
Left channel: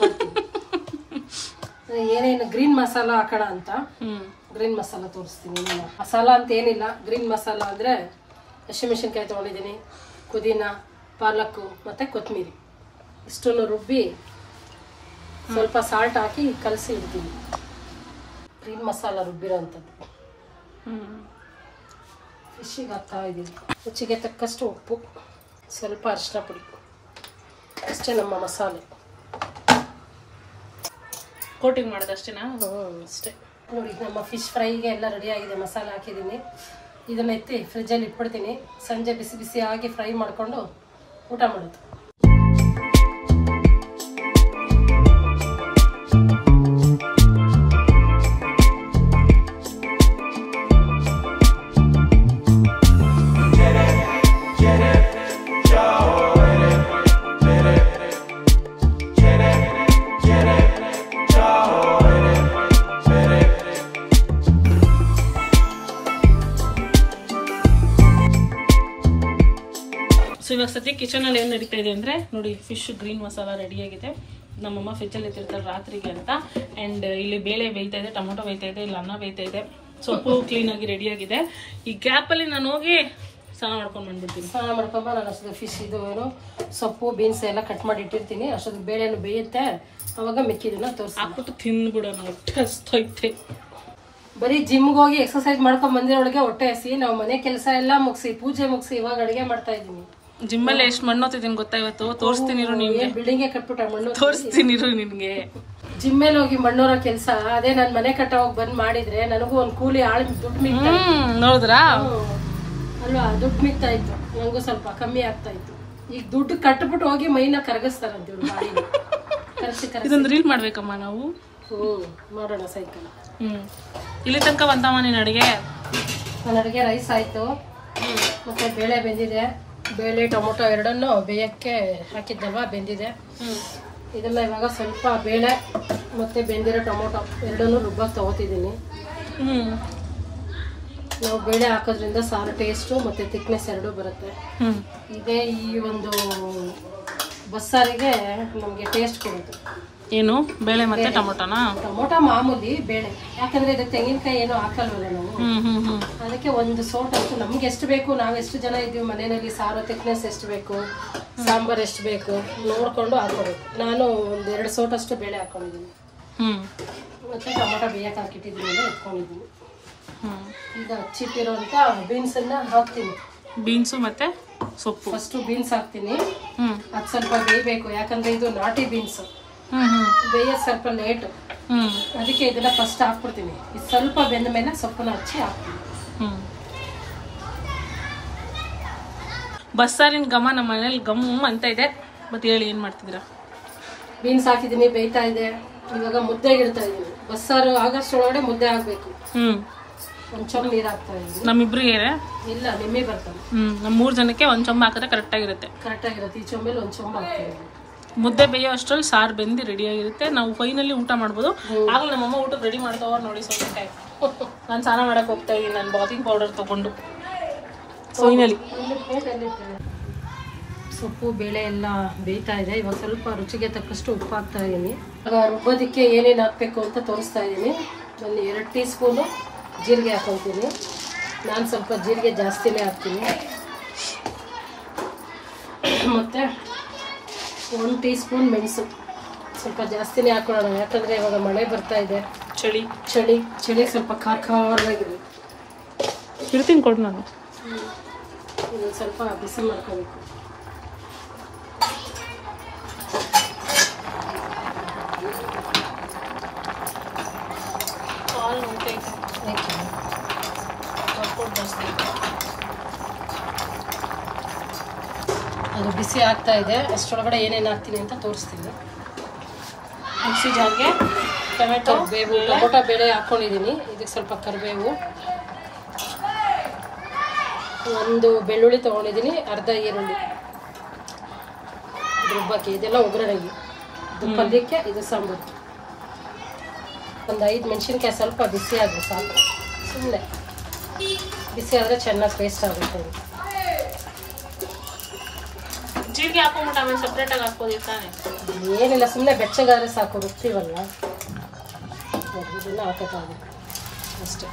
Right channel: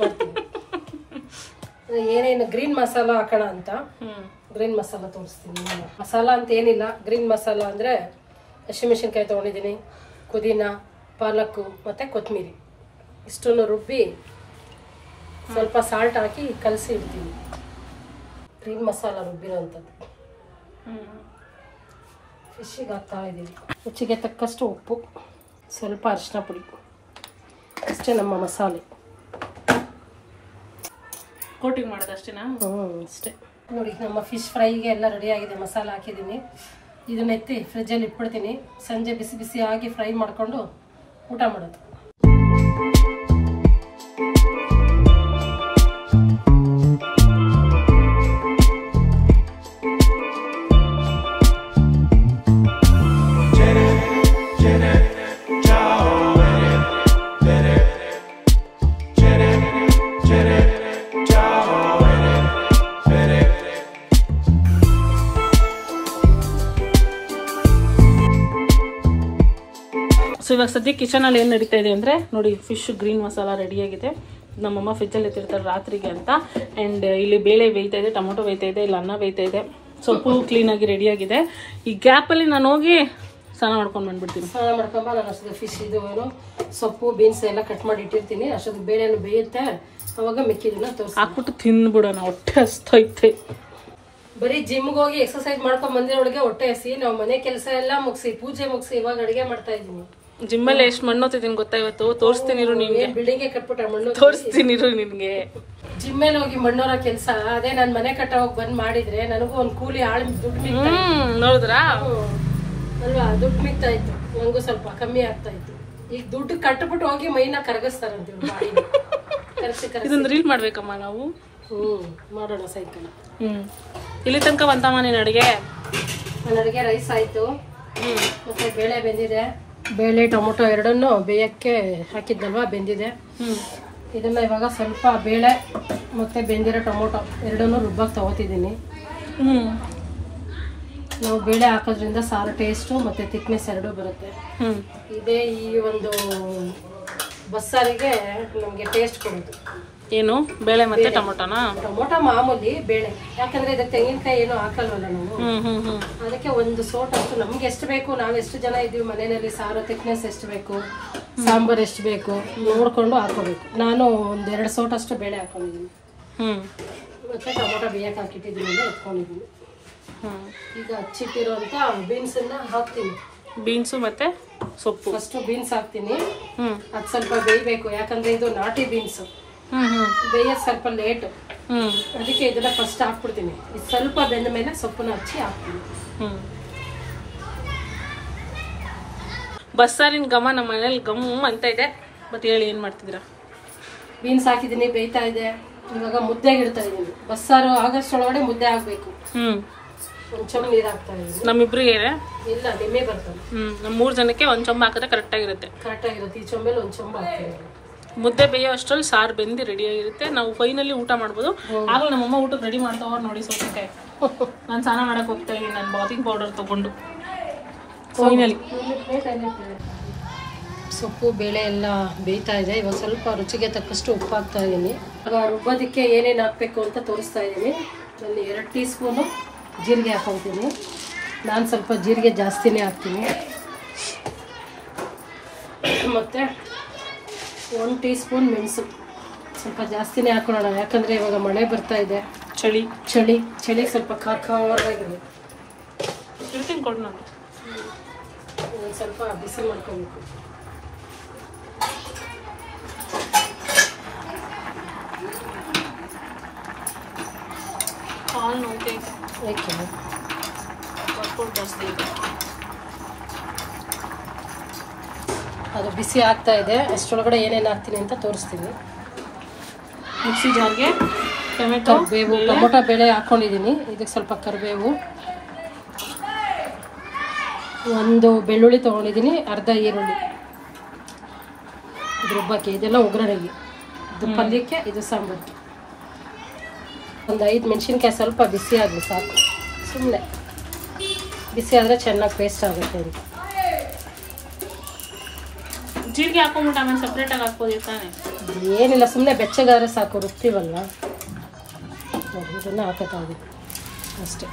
ಮಾಡ್ತೀನಿ. ಏನೇನು ಗ್ರೀನ್ ಮಸಾಲ ಹಾಕೋಣ ಅಂತ ಗ್ರೀನ್ ಮಸಾಲ ತೋರಿಸ್ತೀನಿ. ನಾನು ಮಸಾಲ ಅಂತ ಏನಿಲ್ಲ, ಗ್ರೀನ್ ಮಸಾಲ ಅಂದರೆ ಹಸಿಮೆಣಸಿನ್ಕಾಯಿ ತೊಗೊಂಡಿದ್ದೀನಿ, ಪುದೀನ, ಪಾಲಕ್ಕು ಮತ್ತು ಕೊತ್ತಂಬರಿ ಇಷ್ಟನ್ನು ರುಬ್ಬಿ ಸ್ವಲ್ಪ ಸಾಲ್ಟ್ ಹಾಕಿ ಕಲಸಿ ಇಡ್ತೀನಿ. ಗ್ರೀನ್ ಮಸಾಲ ರುಬ್ಬಿರೋ ಅಂಥದ್ದು ಫಿಶ್ಶಿಗೆ ಹಾಕ್ತಾ ಇದ್ದೀನಿ. ರುಚಿಗೆ ತಕ್ಕಷ್ಟು ಉಪ್ಪು, ಸ್ವಲ್ಪ ಅರಿಶಿನ ಪುಡಿ, ಅಷ್ಟೇ ನಮ್ಮ ಮಸಾಲೆ. ಕೋಟಿಂಗ್ ಮಾಡೋದು ಅಷ್ಟೇನಾ? ಅಷ್ಟೇ. ನೋಡಿ, ನಮ್ಮ ಫಿಶ್ ಫ್ರೈಗೆ ಎಲ್ಲ ರೆಡಿ ಆಗಿದೆ. ಮಸಾಲೆ ಹಾಕಿದ್ದೀನಿ. ಇದನ್ನ ಎತ್ತಿ ಫ್ರಿಜ್ಜಲ್ಲಿ ಇಟ್ಬಿಡ್ತೀನಿ. ಸಂಜೆ ಬಿಸಿ ಬಿಸಿ ಆಗಿ ಫ್ರೈ ಮಾಡಿಕೊಂಡು ಊಟ ಮಾಡೋದು. ಸೊ ಇವಾಗ ಸದ್ಯ ಕಿಚನಲ್ಲಿ ಏನು ನಡೀತಾ ಇದೆ ಅಂದರೆ ನೋಡಿ, ಫಿಶ್ ಗ್ರೀನ್ ಮಸಾಲ ರೆಡಿಯಾಗಿದೆ. ನಮ್ಮಮ್ಮ ಫ್ರಿಜ್ಜಲ್ಲಿ ಇಟ್ಟಿರ್ತಾರೆ ರಾತ್ರಿಗೆ ಅಂತ. ಆ್ಯಂಡ್ ಇಲ್ಲಿ ಬೇಳೆ ಬೇಯ್ತಾ ಇದೆ, ಟೊಮೊಟೊ ಬೇಯ್ತಾ ಇದೆ, ಇಲ್ಲಿ ಅನ್ನ ಬೇಯ್ತಾ ಇದೆ. ಸೊಪ್ಪು ಕ್ಲೀನಾಗಿ ರೆಡಿಯಾಗಿದೆ. ಈ ಗ್ಯಾಪಲ್ಲಿ ನಾನು ಹೋಗಿ ಸ್ನಾನ ಮಾಡ್ಕೊಂಡು ಬಂದ್ಬಿಡ್ತೀನಿ. ಸ್ನಾನ ಮಾಡ್ಕೊಂಬ. ನಾನು ಅಷ್ಟೊಂದು ಫಿಶ್ ಇದು ಸೊಪ್ಪು ಬೀನ್ಸ್ ಎಲ್ಲ ಕಟ್ ಮಾಡಿ ಇಟ್ಟಿರ್ತೀನಿ. ಅಷ್ಟೊಂದು ಬೇಳೆನು ಬೇಯುತ್ತೆ, ಅವಾಗ ಮಿಕ್ಕಿದನ್ನ ತೋರಿಸಿ ಹಾಕ್ಬಿಟ್ಟು ತಿನ್ಬಿಡೋಣ. ಹೊಟ್ಟೆ ಹಸ್ತೈತೆ. ಬರೀ ಜಿಮ್ಗೆ ಹೋಗಿ ಎಕ್ಸರ್ಸೈಸ್ ಮಾಡ್ಕೊಂಡ್ ಬಂದಿರೋಳಿಗೆ ಹೊಟ್ಟೆ ಹಸಿ. ನಾವು ಮನೆ ಕೆಲಸ ಎಲ್ಲ ಮುಗಿಸಿ ಪೂಜೆ ಮುಗಿಸಿ ಇವಾಗ ಅಡಿಗೆ ಮಾಡ್ತಾ ಇದ್ದೀನಿ. ಜಿಮ್ಮಲ್ಲಿ ಎಷ್ಟು ಮಣ್ಣು ಹೋಗ್ತಿದ್ದೀನಿ ಗೊತ್ತಾ ಇವತ್ತು? ತೋರಿಸ್ತೀನಿ ನಿಮ್ಗೆ. ಬಿಲ್ಡಿಂಗ್ ಕಟ್ಬಿಟ್ಟ ಮಣ್ಣು ತೋರಿಸ್ತೀನಿ ನಿನ್ಗೆ. ಜಿಮ್ಮಲ್ಲಿ ಹೋಗಿ ಮಣ್ಣೂರ ಕೆಲಸ ಅದೇ. ನಾನ್ ಮನೆ ಕಟ್ಟ ಹೋಗಿ ಬಂದ್ ಮಾಡಿದ್ರೆ ನನಗೂ ಒಂದ್ ಕೂಲಿ ಆಳ್ ದುಡ್ಡು ನೋಡಿದ್ರಾ ಅಲ್ವಾ? ದುಡ್ಡು ಮಿಗ್ತಾ ಇತ್ತು, ನಂಗೂ ಸ್ವಲ್ಪ ಕಮ್ಮಿ ಆಗ್ತಾ ಇತ್ತು. ಈಗ ದುಡ್ಡು ಕಟ್ಬಿಟ್ಟು ಹೋಗಿ ಮೈನ ಕರಗಿಸ್ತಾರಂತ ಇದೊಂದು ರೀಲ್ ಮಾಡ್ಬೇಕಮ್ಮ ನಾವು. ಮಾಡೋಣ ಸೈಕಲ್. ಇಲ್ಲಿ ತನಕ ಬಂತಮ್ಮ ನೀನ್ ಅಡಿಗೆ? ನನ್ನ ಅಡಿಗೆ ರೈಸ್ ಆಯ್ತು, ಮತ್ತೆ ಬೇಳೆ ಬೆಂದಿದೆ. ಬೇಳೆ ಟೊಮೊಟೊ ಎರಡನ್ನು ಬೇಯಕ್ಕೆ ಹಾಕಿದ್ನಲ್ವಾ, ಬೆಂದಿದೆ. ಇದನ್ನ ಇವಾಗ ಸ್ವಲ್ಪ ಬೇಳೆ ಮತ್ತೆ ಬೆಂದಿರೋ ಟೊಮೊಟೊ ಎರಡನ್ನೂ ರುಬ್ಬಕ್ಕೆ ತಗೋತಿದ್ದೀನಿ. ನಾವು ಬೇಳೆ ಹಾಕೋದ್ರಿಂದ ಸಾರು ಟೇಸ್ಟು ಮತ್ತೆ ಥಿಕ್ನೆಸ್ ಎರಡೂ ಬರುತ್ತೆ. ಇದೇ ಈ ಒಂದು ಬಸ್ಸಾರಿಗೆ ನಮಗೆ ಟೇಸ್ಟ್ ಕೊಡೋದು. ಏನು ಬೇಳೆ ಮತ್ತೆ ಟೊಮೊಟೊನಾ? ಟೊಮೊಟೊ ಮಾಮೂಲಿ, ಬೇಳೆ ಯಾಕಂದ್ರೆ ಇದಕ್ಕೆ ತೆಂಗಿನಕಾಯಿ ಏನು ಹಾಕಲ್ವಲ್ಲ ನಾವು. ಅದಕ್ಕೆ ಒಂದು ಸೋಟ್ ಹಾಕು. ನಮ್ಗೆ ಎಷ್ಟು ಬೇಕು, ನಾವ್ ಎಷ್ಟು ಜನ ಇದೀವಿ ಮನೆಯಲ್ಲಿ, ಸಾರು ಥಿಕ್ನೆಸ್ ಎಷ್ಟು ಬೇಕು, ಸಾಂಬಾರ್ ಎಷ್ಟು ಬೇಕು ನೋಡ್ಕೊಂಡು ಹಾಕೋಬೇಕು. ನಾನು ಒಂದ್ 2 ಸೋಟ್ ಅಷ್ಟು ಬೇಳೆ ಹಾಕೊಂಡಿದ್ದೀನಿ. ಮತ್ತೆ ಟೊಮೊಟೊ ಬೇಯಕ್ಕೆ ಹಾಕಿಟ್ಟಿದ್ದೀನಿ, ಎತ್ಕೊಂಡಿದ್ದೀನಿ. ಈಗ ಹಚ್ಚಿಟ್ಟಿರೋಂತ ಬೀನ್ಸ್ ಅನ್ನ ಹಾಕ್ತೀನಿ. ಬೀನ್ಸು ಮತ್ತೆ ಸೊಪ್ಪು. ಫಸ್ಟ್ ಬೀನ್ಸ್ ಹಾಕ್ತೀನಿ. ಅದ್ ಸ್ವಲ್ಪ ಬೇಯಬೇಕು, ಯಾಕಂದ್ರೆ ಇದು ನಾಟಿ ಬೀನ್ಸ್. ಬೇಯೋದು ಸ್ವಲ್ಪ ಲೇಟು, ಅದಕ್ಕೆ ಇದನ್ನ ಫಸ್ಟ್ ಹಾಕ್ಬಿಡ್ತೀನಿ. ಇದು ಸ್ವಲ್ಪ ಬೆಂದ ಮೇಲೆ ಸೊಪ್ಪನ್ನ ಹಚ್ಚಿ ಹಾಕ್ತೀನಿ. ಬಸ್ಸಾರಿನ ಘಮ ನಮ್ಮ ಮನೇಲಿ ಗಮ್ ಅಂತ ಇದೆ. ಮತ್ತೆ ಹೇಳಿ ಏನ್ ಮಾಡ್ತಿದ್ದೀರಾ? ಬೀನ್ಸ್ ಹಾಕಿದೀನಿ, ಬೇಯ್ತಾ ಇದೆ. ಇವಾಗ ಮುದ್ದೆಗೆ ಇಡ್ತಾ ಇದೀನಿ. ಬಸ್ಸಾರು ಆಗಷ್ಟೊಳಗಡೆ ಮುದ್ದೆ ಆಗ್ಬೇಕು. ಒಂದ್ ಚೊಂಬ್ ನೀರ್ ಹಾಕ್ತಾ ಇದೀನಿ. ನಮ್ಮಿಬ್ರಿಗೆ ಇಲ್ಲ, ನಿಮ್ಮೆ ಬರ್ತಾನೆ. ನಮ್ 3 ಜನಕ್ಕೆ ಒಂದ್ ಚೊಂಬ ಹಾಕಿದ್ರೆ ಕರೆಕ್ಟ್ ಆಗಿರುತ್ತೆ. ಈ ಚೊಂಬಲ್ಲಿ ಒಂದ್ ಚೊಂಬ ಹಾಕ್ತೀನಿ. ಮುದ್ದೆ ಬೇಯೋ ಅಷ್ಟ್ರಲ್ಲಿ ಸಾರು ಬೆಂದಿ ರೆಡಿ ಆಗಿರುತ್ತೆ. ನಾವು ಫೈನಲಿ ಊಟ ಮಾಡ್ಬೋದು. ಆಗಲೂ ನಮ್ಮಮ್ಮ ಊಟಕ್ಕೆ ರೆಡಿ ಮಾಡ್ತಾವ್ರು ನೋಡಿ. ಸೌತೆಕಾಯಿ ನಾನು ಸ್ನಾನ ಮಾಡಕ್ ಹೋಗ್ತಾ ಇದ್ದೀನಿ, ನಾನು ಬಾಬಿಂಗ್ ಪೌಡರ್ ತಗೊಂಡು. ಫೈನಲಿ ಸೊಪ್ಪು ಬೇಳೆ ಎಲ್ಲ ಬೇಯ್ತಾ ಇದೆ. ಇವಾಗ ಸ್ವಲ್ಪ ರುಚಿಗೆ ತಕ್ಕಷ್ಟು ಉಪ್ಪು ಹಾಕ್ತಾ ಇದ್ದೀನಿ. ಇವಾಗ ರುಬ್ಬೋದಕ್ಕೆ ಏನೇನು ಹಾಕಬೇಕು ಅಂತ ತೋರಿಸ್ತಾ ಇದ್ದೀನಿ. ಅಲ್ಲಿ 2 ಟೀ ಸ್ಪೂನು ಜೀರಿಗೆ ಹಾಕೊಳ್ತೀನಿ. ನಾನು ಸ್ವಲ್ಪ ಜೀರಿಗೆ ಜಾಸ್ತಿನೇ ಹಾಕ್ತೀನಿ. ಮತ್ತು 1 ಟೀ ಸ್ಪೂನ್ ಮೆಣಸು ಸ್ವಲ್ಪ ಜಾಸ್ತಿನೇ ಹಾಕೊಳ್ಳೋಣ, ಯಾಕಂದ್ರೆ ಇವಾಗ ಮಳೆ ಬರ್ತಾ ಇದೆ, ಚಳಿ ಚಳಿ ಚಳಿ ಸ್ವಲ್ಪ ಖಾರವಾಗಿರ್ಬೇಕು. ಇರ್ತೀನಿ ಕೊಡು ನಾನು. ಸ್ವಲ್ಪ ಬಿಸಿಲು ಮಾಡ್ಕೋಬೇಕು. ಕಾಲು ನೋಡ್ತೈತೆ, ವರ್ಕೌಟ್ ಜಾಸ್ತಿ ಇದೆ. ಅದು ಬಿಸಿ ಆಗ್ತಾ ಇದೆ, ಅಷ್ಟೊಳಗಡೆ ಏನೇನು ಹಾಕ್ತೀನಿ ಅಂತ ತೋರಿಸ್ತೀನಿ. ಮಿಕ್ಸಿ ಜಾರ್ಗೆ ಟೊಮೆಟೊ ಬೇಳೆ ಹಾಕ್ಕೊಂಡಿದ್ದೀನಿ. ಇದಕ್ಕೆ ಸ್ವಲ್ಪ ಕರಿಬೇವು, ಒಂದು ಬೆಳ್ಳುಳ್ಳಿ ತೊಗೊಂಡಿದ್ದೀನಿ, ಅರ್ಧ ಈರುಳ್ಳಿ, ರುಬ್ಬಕ್ಕೆ ಇದೆಲ್ಲ ಒಗ್ಗರಣೆಗೆ, ಇದು ಪಲ್ಯಕ್ಕೆ, ಇದು ಸಾಂಬಾರು. ಒಂದು 5 ಮೆಣಸಿನ್ಕಾಯಿ ಸ್ವಲ್ಪ ಬಿಸಿ ಆಗಲಿ ಸಾಕು, ಸುಮ್ಮನೆ ಬಿಸಿ ಆದರೆ ಚೆನ್ನಾಗಿ ಪೇಸ್ಟ್ ಆಗುತ್ತೆ ಅಂತ. ಜೀರಿಗೆ ಹಾಕೊಂಡ್ಬಿಟ್ಟು ಆಮೇಲೆ ಸಪ್ರೇಟಾಗಿ ಹಾಕ್ಬೋದು ತಾನೆ? ಏನಿಲ್ಲ, ಸುಮ್ಮನೆ ಬೆಚ್ಚಗಾದ್ರೆ ಸಾಕು, ರುಬ್ತೀವಲ್ಲ ಇದನ್ನೇ ಹಾಕೋಕ್ಕಾಗುತ್ತೆ ಅಷ್ಟೇ.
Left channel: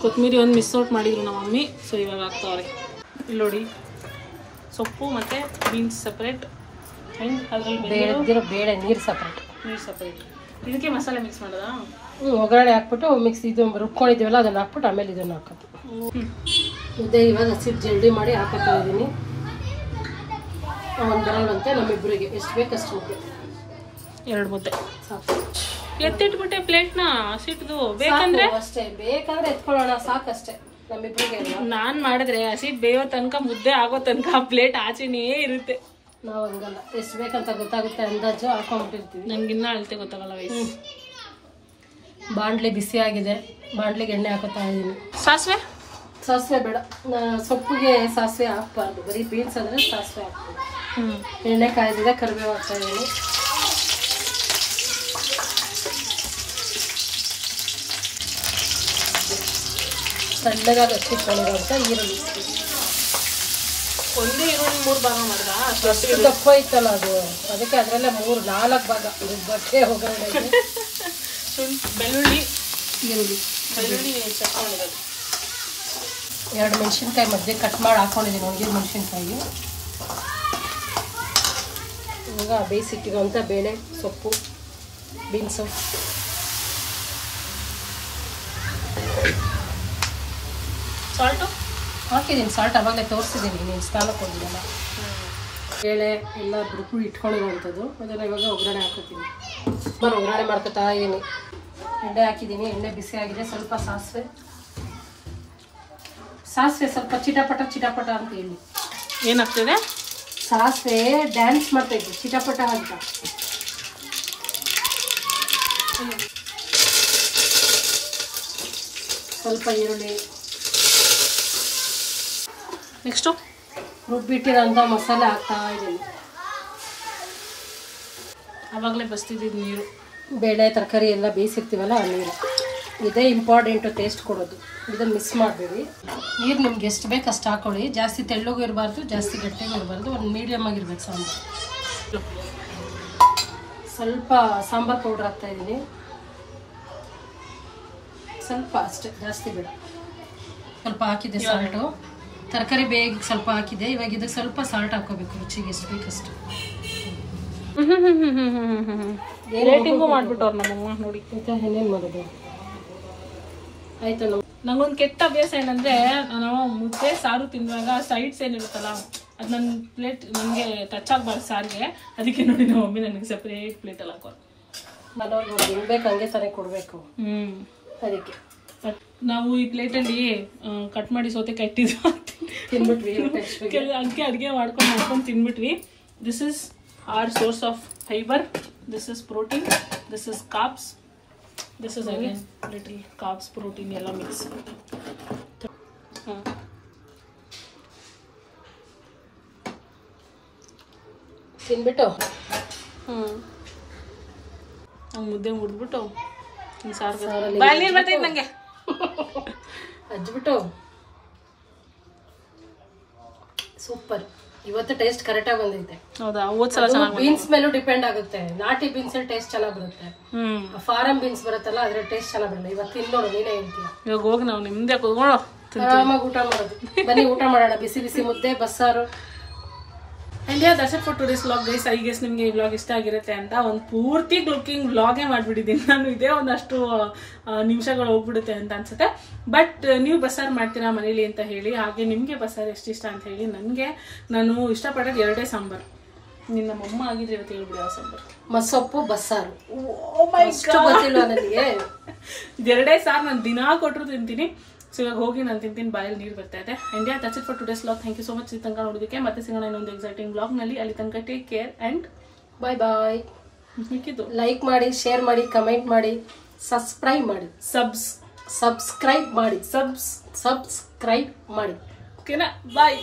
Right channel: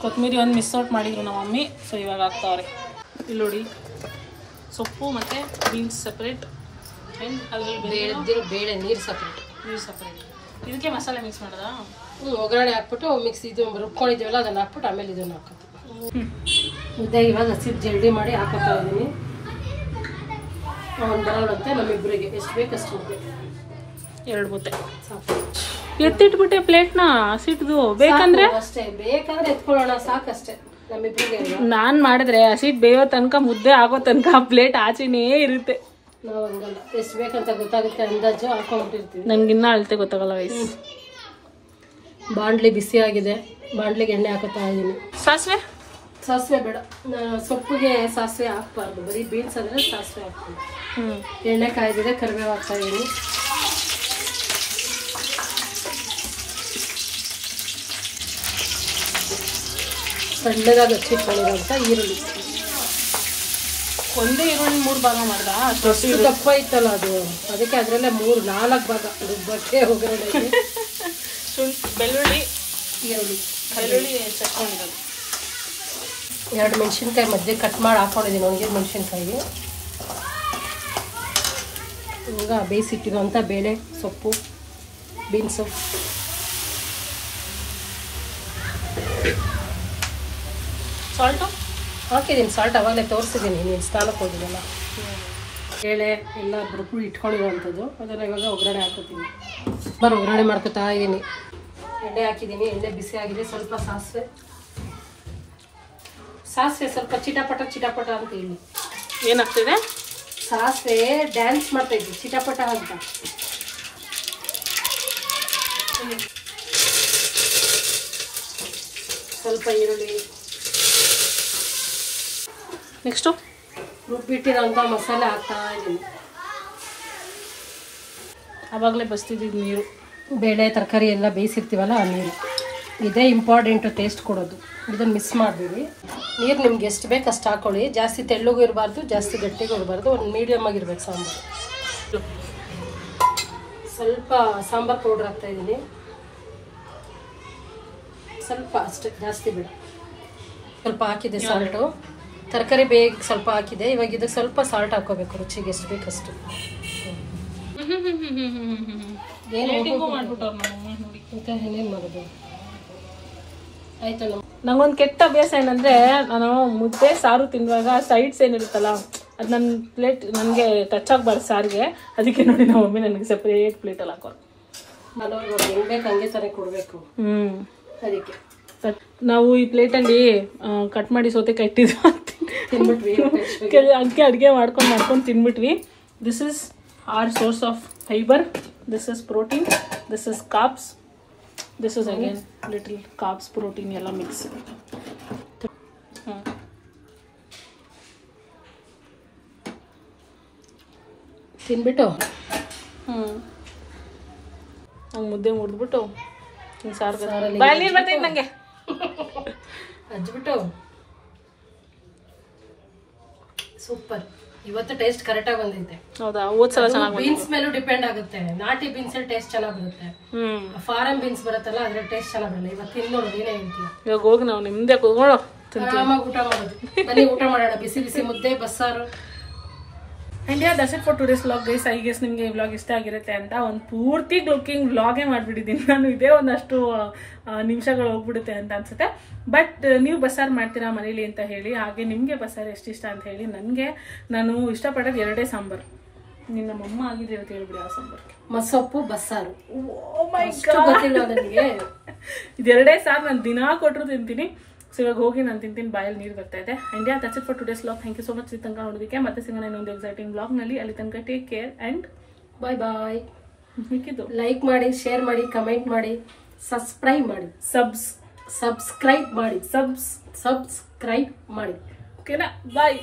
ಕೊತ್ತಂಬರಿ ಒಂದು ಮಿಸ್ ಔಟ್ ಮಾಡಿದ್ರು ನಮ್ಮ ಮಮ್ಮಿ, ಸೊ ಇವಾಗ ಹಾಕ್ತಾವ್ರೆ. ಇಲ್ಲಿ ನೋಡಿ, ಸೊಪ್ಪು ಮತ್ತು ಬೀನ್ಸ್ ಸಪ್ರೇಟ್, ಅದರಲ್ಲಿ ಬೇಳೆ ನೀರು ಸಪ್ರೇಟ್, ನೀರು ಸಪ್ರೇಟ್. ಇದಕ್ಕೆ ಮಸಾಲೆ ಮಿಕ್ಸ್ ಮಾಡೋದಾ? ಒಗ್ಗರಣೆ ಹಾಕ್ಬಿಟ್ಟು ಮಿಕ್ಸ್ ಇದು ರುಬ್ಕೊಂಡಿದ್ದೀವಲ್ಲ ಅದನ್ನು ಹಾಕ್ಬಿಟ್ಟು ಆಮೇಲೆ ಇದನ್ನು ಹಾಕೋದು. ಮುದ್ದೆ ಇವಾಗ ಹಸಿಟ್ಟು ಜಲ್ದಿ ಮಾಡಿ ಹಾಕೋತಾ ಇದ್ದೀನಿ. ಒಂದು ಬರೋಣಂತೆ ನಮ್ಮಿಬ್ಬರಿಗೆ ಎಷ್ಟು ಬೇಕಷ್ಟು ಮುದ್ದೆ, 2 ಮುದ್ದೆ ಸಾಕು. ಎತ್ತಿಟ್ಬಿಟ್ಟೆ ಪ್ಲೇಟ್ನ ಹಸಿಟ್ದು, ಬೇಕಂದ್ರೆ ಅಷ್ಟೇ, ಬೇಕಾದ್ರೆ ಎತ್ಕೊಳ್ಳೋಣ ಸಾಕಷ್ಟೇ ನಮ್ಮಿಬ್ಬರಿಗೆ. ನಾನ್ ಮಾಡಿದ್ರೆ ಹಸಿಟ್ ಬೇಯೋ ತನಕ ಮುದ್ದೆ ಆಗೋ ತನಕ ಪ್ಲೇಟ್ ಆಚೆನೇ ಇರುತ್ತೆ. ನಾವು ಹಂಗಲ್ಲ, ಎಷ್ಟು ಬೇಕಂತ ಗೊತ್ತಾಗುತ್ತೆ, ಅಂದಾಜು ಹಾಕೊಂಡ್ಬಿಟ್ಟಿರ್ತೀವಿ. ನನ್ಗಿನ್ನ ಅಳತೆ ಗೊತ್ತಾಗಲ್ಲ ವಯಸ್ಸು. ಬಾಂಡ್ಲಿ ಬಿಸಿ ಆಗಿದೆ, ಬಾಂಡ್ಲಿಗೆ ಎಣ್ಣೆ ಹಾಕೋತಾ ಇದ್ದೀನಿ. ಸಾಸಿವೆ ಬೇಡ, ಸೊಪ್ಪಿಗೆ ಸಾಸಿವೆ ಹಾಕ್ಬಾರ್ದು, ಬರೀ ಬೀನ್ಸ್ ಅಂದ್ರೆ ಸಾಸಿವೆ ಹಾಕ್ಬೋದು. ಎಣ್ಣೆ ಕಾಯ್ದಿದೆ, ಕರಿಬೇವು ಹಾಕ್ತಾ ಇದ್ದೀನಿ. ಸಣ್ಣದಾಗಿ ಹಚ್ಚಿಟ್ಕೊಂಡಿರುವಂತ ಈರುಳ್ಳಿ, ಒಂದೇ ಈರುಳ್ಳಿ 3 ಭಾಗ ಮಾಡ್ದ, ಅಷ್ಟು ದಪ್ಪ ಇತ್ತಲ್ಲ ಅದು, ಅದಕ್ಕೆ ಅದ್ರಲ್ಲೇ 3-4 ಭಾಗ ರುಬ್ಬಕ್ಕೆ ಒಗ್ಗರಣೆ. ಬೆಳ್ಳುಳ್ಳಿ ತಕ್ಕೊಂಡಿರೋದು, 2 ಮೆಣಸಿನ್ಕಾಯಿ ಮಧ್ಯೆ ಕಟ್ ಮಾಡಿ ಹಾಕೊಂಡಿದ್ದೀನಿ, ಒಣಗಿದ ಮೆಣಸಿನ್ಕಾಯಿಗೆ. ಈಗ ಬೇಯಿಸಿಟ್ಟಿರುವಂಥ ಬೇಳೆ, ಸೊಪ್ಪು, ಬೀನ್ಸು, ಸಾಲ್ಟು ಹಾಕಿದ್ದೀನಿ. ಸಾಲ್ಟ್ ಅವಾಗಲೇ ತೋರಿಸಿದ್ದೀನಿ, ನೀನು ಸ್ನಾನಕ್ಕೆ ಹೋಗಿದ್ದಲ್ಲ. ಬೇಳೆ ಎಲ್ಲ ರುಬ್ಬಿ ಇಟ್ಕೊಂಡಿರುವಂಥದ್ದು, ಅದನ್ನು ಇವಾಗ ಒಗ್ಗರಣೆ ಹಾಕೋತೀನಿ. ಒಗ್ಗರಣೆ ಮಾಡ್ಕೊತಾ ಇದ್ದೀನಿ. ಎಣ್ಣೆ ಹಾಕಿದ್ದೀನಿ, ಎಣ್ಣೆ ಬಿಸಿ ಆಗಿದೆ. ಸ್ವಲ್ಪ ಸಾಸಿವೆ ಸ್ವಲ್ಪ ಚಿಟಪಟ ಅಂತ ಹೇಳಿ. ಏನಾಗ್ತಿದೆ? ಸಾಸಿವೆ ಡ್ಯಾನ್ಸ್ ಮಾಡ್ತಾ ಇದ್ವಿ, ಚಿಟಪಟ ಅಂತ. ಸ್ವಲ್ಪ ಈರುಳ್ಳಿ, ನೆಕ್ಸ್ಟು ರುಬ್ಬಿಟ್ಟಿರೋಂಥ ಮಸಾಲೆ ಹಾಕ್ತಾ ಇದ್ದೀನಿ. ಆವಾಗಲೇ ಬಸ್ತಿದ್ದು ನೀರು, ಬೇಳೆ ತರಕಾರಿ ಎಲ್ಲ ಬೇಯಿಸಿರ್ತೀವಲ್ಲ ಆ ನೀರು, ಇದೇ ಇಂಪಾರ್ಟೆಂಟು ಟೇಸ್ಟ್ ಕೊಡೋದು. ಇದನ್ನು ಮಿಸ್ ಮಾಡಬೇಡಿ. ನೀರು ನಿಮ್ಗೆ ಎಷ್ಟು ಬೇಕು ಅಷ್ಟು ಹಾಕೊಳ್ಳಿ, ಜಾಸ್ತಿ ತೆಳ್ಳಗೂ ಇರಬಾರ್ದು, ಜಾಸ್ತಿ ಗಟ್ಟಿಗೂ ಇರಬಾರ್ದು, ಒಂದು ಮೀಡಿಯಮ್ ಆಗಿರ್ಬೇಕು ಸಾಂಬಾರು. ಸ್ವಲ್ಪ ಸಾಂಬಾರು ಪೌಡ್ರ್ ಹಾಕ್ತಾ ಇದ್ದೀನಿ, ಸ್ವಲ್ಪ ಅಷ್ಟೇ, ಜಾಸ್ತಿ ಬೇಡ. ಸ್ವಲ್ಪ ಹಾಕಿದೆ ಸಾಲ್ಟು, ತರಕಾರಿ ಬೇಗ ಸ್ವಲ್ಪ ಹಾಕಿದೆ. ಇವಾಗ ಇದು ಸ್ವಲ್ಪ ಸಾಲ್ಟ್ ಹಾಕೋಬೇಕು, ರುಚಿಗೆ ಎಷ್ಟು ಬೇಕಷ್ಟು. ರೇಟಿಂಗು ಮಾಡ್ಬಿಟ್ಟವ್ರು ನಮ್ಮಮ್ಮ ನೋಡಿ. ಇನ್ನೇನು ಮಾಡೋದು, ಆಯ್ತು. ನಂಗೊಂದು ಕೆಟ್ಟ ಅಭ್ಯಾಸ ಏನಂದ್ರೆ, ನಾನು ಮುದ್ದೆ ಸಾರು ತಿನ್ನುವಾಗ ಸೈಡ್ಸ್ ಏನಿರುತ್ತಲ್ಲ ಅದು ನನ್ನ ಪ್ಲೇಟ್ ನನಗೆ ಟಚ್ ಆಗಬಾರ್ದು ಸಾರಿಗೆ. ಅದಕ್ಕೆ ನೋಡಿ ನಮ್ಮ ಮಮ್ಮಿ ನನಗೆ ಸಪ್ರೇಟ್ ಪ್ಲೇಟಲ್ಲಿ ಹಾಕೋರು. ಹೆಂಗ್ ಬೇಕು ಹಂಗೆ ತಾನೇ ಕೊಡಬೇಕು. ಅದಕ್ಕೆ ನಾವು ಈ ಪ್ಲೇಟಲ್ಲಿ ಕಟ್ ಮಾಡಿ ಸೌತೆಕಾಯಿ ಇಟ್ಟಿದ್ವಿ, ತಿನ್ಬಿಟ್ವಿ. ಅದಕ್ಕೆ ಅಡುಗೆ ಮಾಡ್ಕೊಂಡು ತಿನ್ಬಿಟ್ವಿ. This is our source of fiber, this is protein, this is carbs, this is again little carbs, protein ಎಲ್ಲ ಮಿಕ್ಸ್. ತಿನ್ಬಿಟ್ಟು ಹಂಗೆ ಮುದ್ದೆ ಮುರಿದ್ಬಿಟ್ಟು ಹಿಂಗೆ ಸಾರು ನೀರು ಬರ್ತೈತೆ ನನಗೆ ಹಚ್ಬಿಟ್ಟು ಸೂಪರ್. ಇವತ್ತು ಟೇಸ್ಟ್ ಕರೆಕ್ಟಾಗಿ ಬಂದೈತೆ. ಹೌದಾ? ಹೋದ್ಸಲ ಚೆನ್ನಾಗಿ ಬೀನ್ಸ್ ಮೇಲೂ ಡಿಪೆಂಡ್ ಆಗುತ್ತೆ. ನಾಟಿ ಬೀನ್ಸ್ ಟೇಸ್ಟ್ ಚೆನ್ನಾಗಿ ಬರುತ್ತೆ, ಫಾರಂ ಬೀನ್ಸ್ ಬರುತ್ತಲ್ಲ ಅದ್ರ ಟೇಸ್ಟ್ ಚೆನ್ನಾಗಿ ಬರಲ್ಲ. ಇವತ್ತು ತಿನ್ನೋಡು, ನೀನೇ ಹೇಳ್ತೀಯ. ಇವಾಗ ಹೋಗಿ ನಾವು ನಿಮ್ದೆ ಕೂತ್ಕೊಳ್ಳೋ ಆರಾಮಾಗಿ ಊಟ ಮಾಡೋದು. ಬನ್ನಿ ಊಟ ಮಾಡೋಣ. ಬಿಸಿ ಬಿಸಿ ಮುದ್ದೆ ಬಸ್ಸಾರು. And that's it for today's vlog guys. I guess ನಿಮಗೆ ಈ ವ್ಲಾಗ್ ಇಷ್ಟ ಆಗಿರುತ್ತೆ ಅಂತ ಒಂದು ಪೂರ್ತಿ ಲುಕಿಂಗ್ ವ್ಲಾಗೇ ಮಾಡಿಬಿಟ್ಟಿದ್ದೀನಿ ನಾನು. ಇದೇ ಒಂದಷ್ಟು ನಿಮಿಷಗಳು ಹೋಗ್ಬಿಡುತ್ತೆ ಅಂತ ಅನ್ಸುತ್ತೆ. ಬಟ್ ನೀವು ಬಸ್ಸಾರು ಮಾಡ್ತೀರಾ ಮನೇಲಿ ಅಂತ ಹೇಳಿ, ಹಾಗೆ ನಿಮಗೆ ಬಸ್ಸಾರು ಎಷ್ಟು ಇಷ್ಟ ಅಂತ ಹೇಳಿ. ನನಗೆ ನಾನು ಇಷ್ಟಪಡೋದು 2 ಸಾಂಬಾರು. ನಿನ್ನ ಮಮ್ಮ ಆಗಿದ್ರೆ ಇವತ್ತು ಹೇಳ್ಬಿಡಿ ಯಾವ ಸಾಂಬಾರು? ಮಸೊಪ್ಪು ಬಸ್ಸಾರು. ಗೊತ್ತಿಲ್ಲ ನನಗೆ. ಇದು 2 ಸಾರು ನಾನು ದಿನಾ ಕೊಟ್ಟರು ತಿಂತೀನಿ. ಸೊ ಇವಾಗ ಹೋಗಿ ನಾನು ತಿಂತೀನಿ, ಬಾಯಲ್ಲಿ ನೀರು ಬರ್ತಾ ಇದೆ. And that's it for today's vlog. Thank you so much ಈ ತನಕ ನೋಡೋದಕ್ಕೆ. ಮತ್ತೆ ಸಿಗೋಣ ಇನ್ನೊಂದು ಎಕ್ಸೈಟಿಂಗ್ ವ್ಲಾಗ್ನಲ್ಲಿ. ಅಲ್ಲಿ ತನಕ ಟೇಕ್ ಕೇರ್ ಆ್ಯಂಡ್ ಬಾಯ್ ಬಾಯ್. ಮಿಕ್ಕಿದ್ದು ಲೈಕ್ ಮಾಡಿ, ಶೇರ್ ಮಾಡಿ, ಕಮೆಂಟ್ ಮಾಡಿ, ಸಬ್ಸ್ಕ್ರೈಬ್ ಮಾಡಿ. ಸಬ್ಸ್ಕ್ರೈಬ್ ಮಾಡಿ. ಓಕೆನಾ? ಬಾಯ್.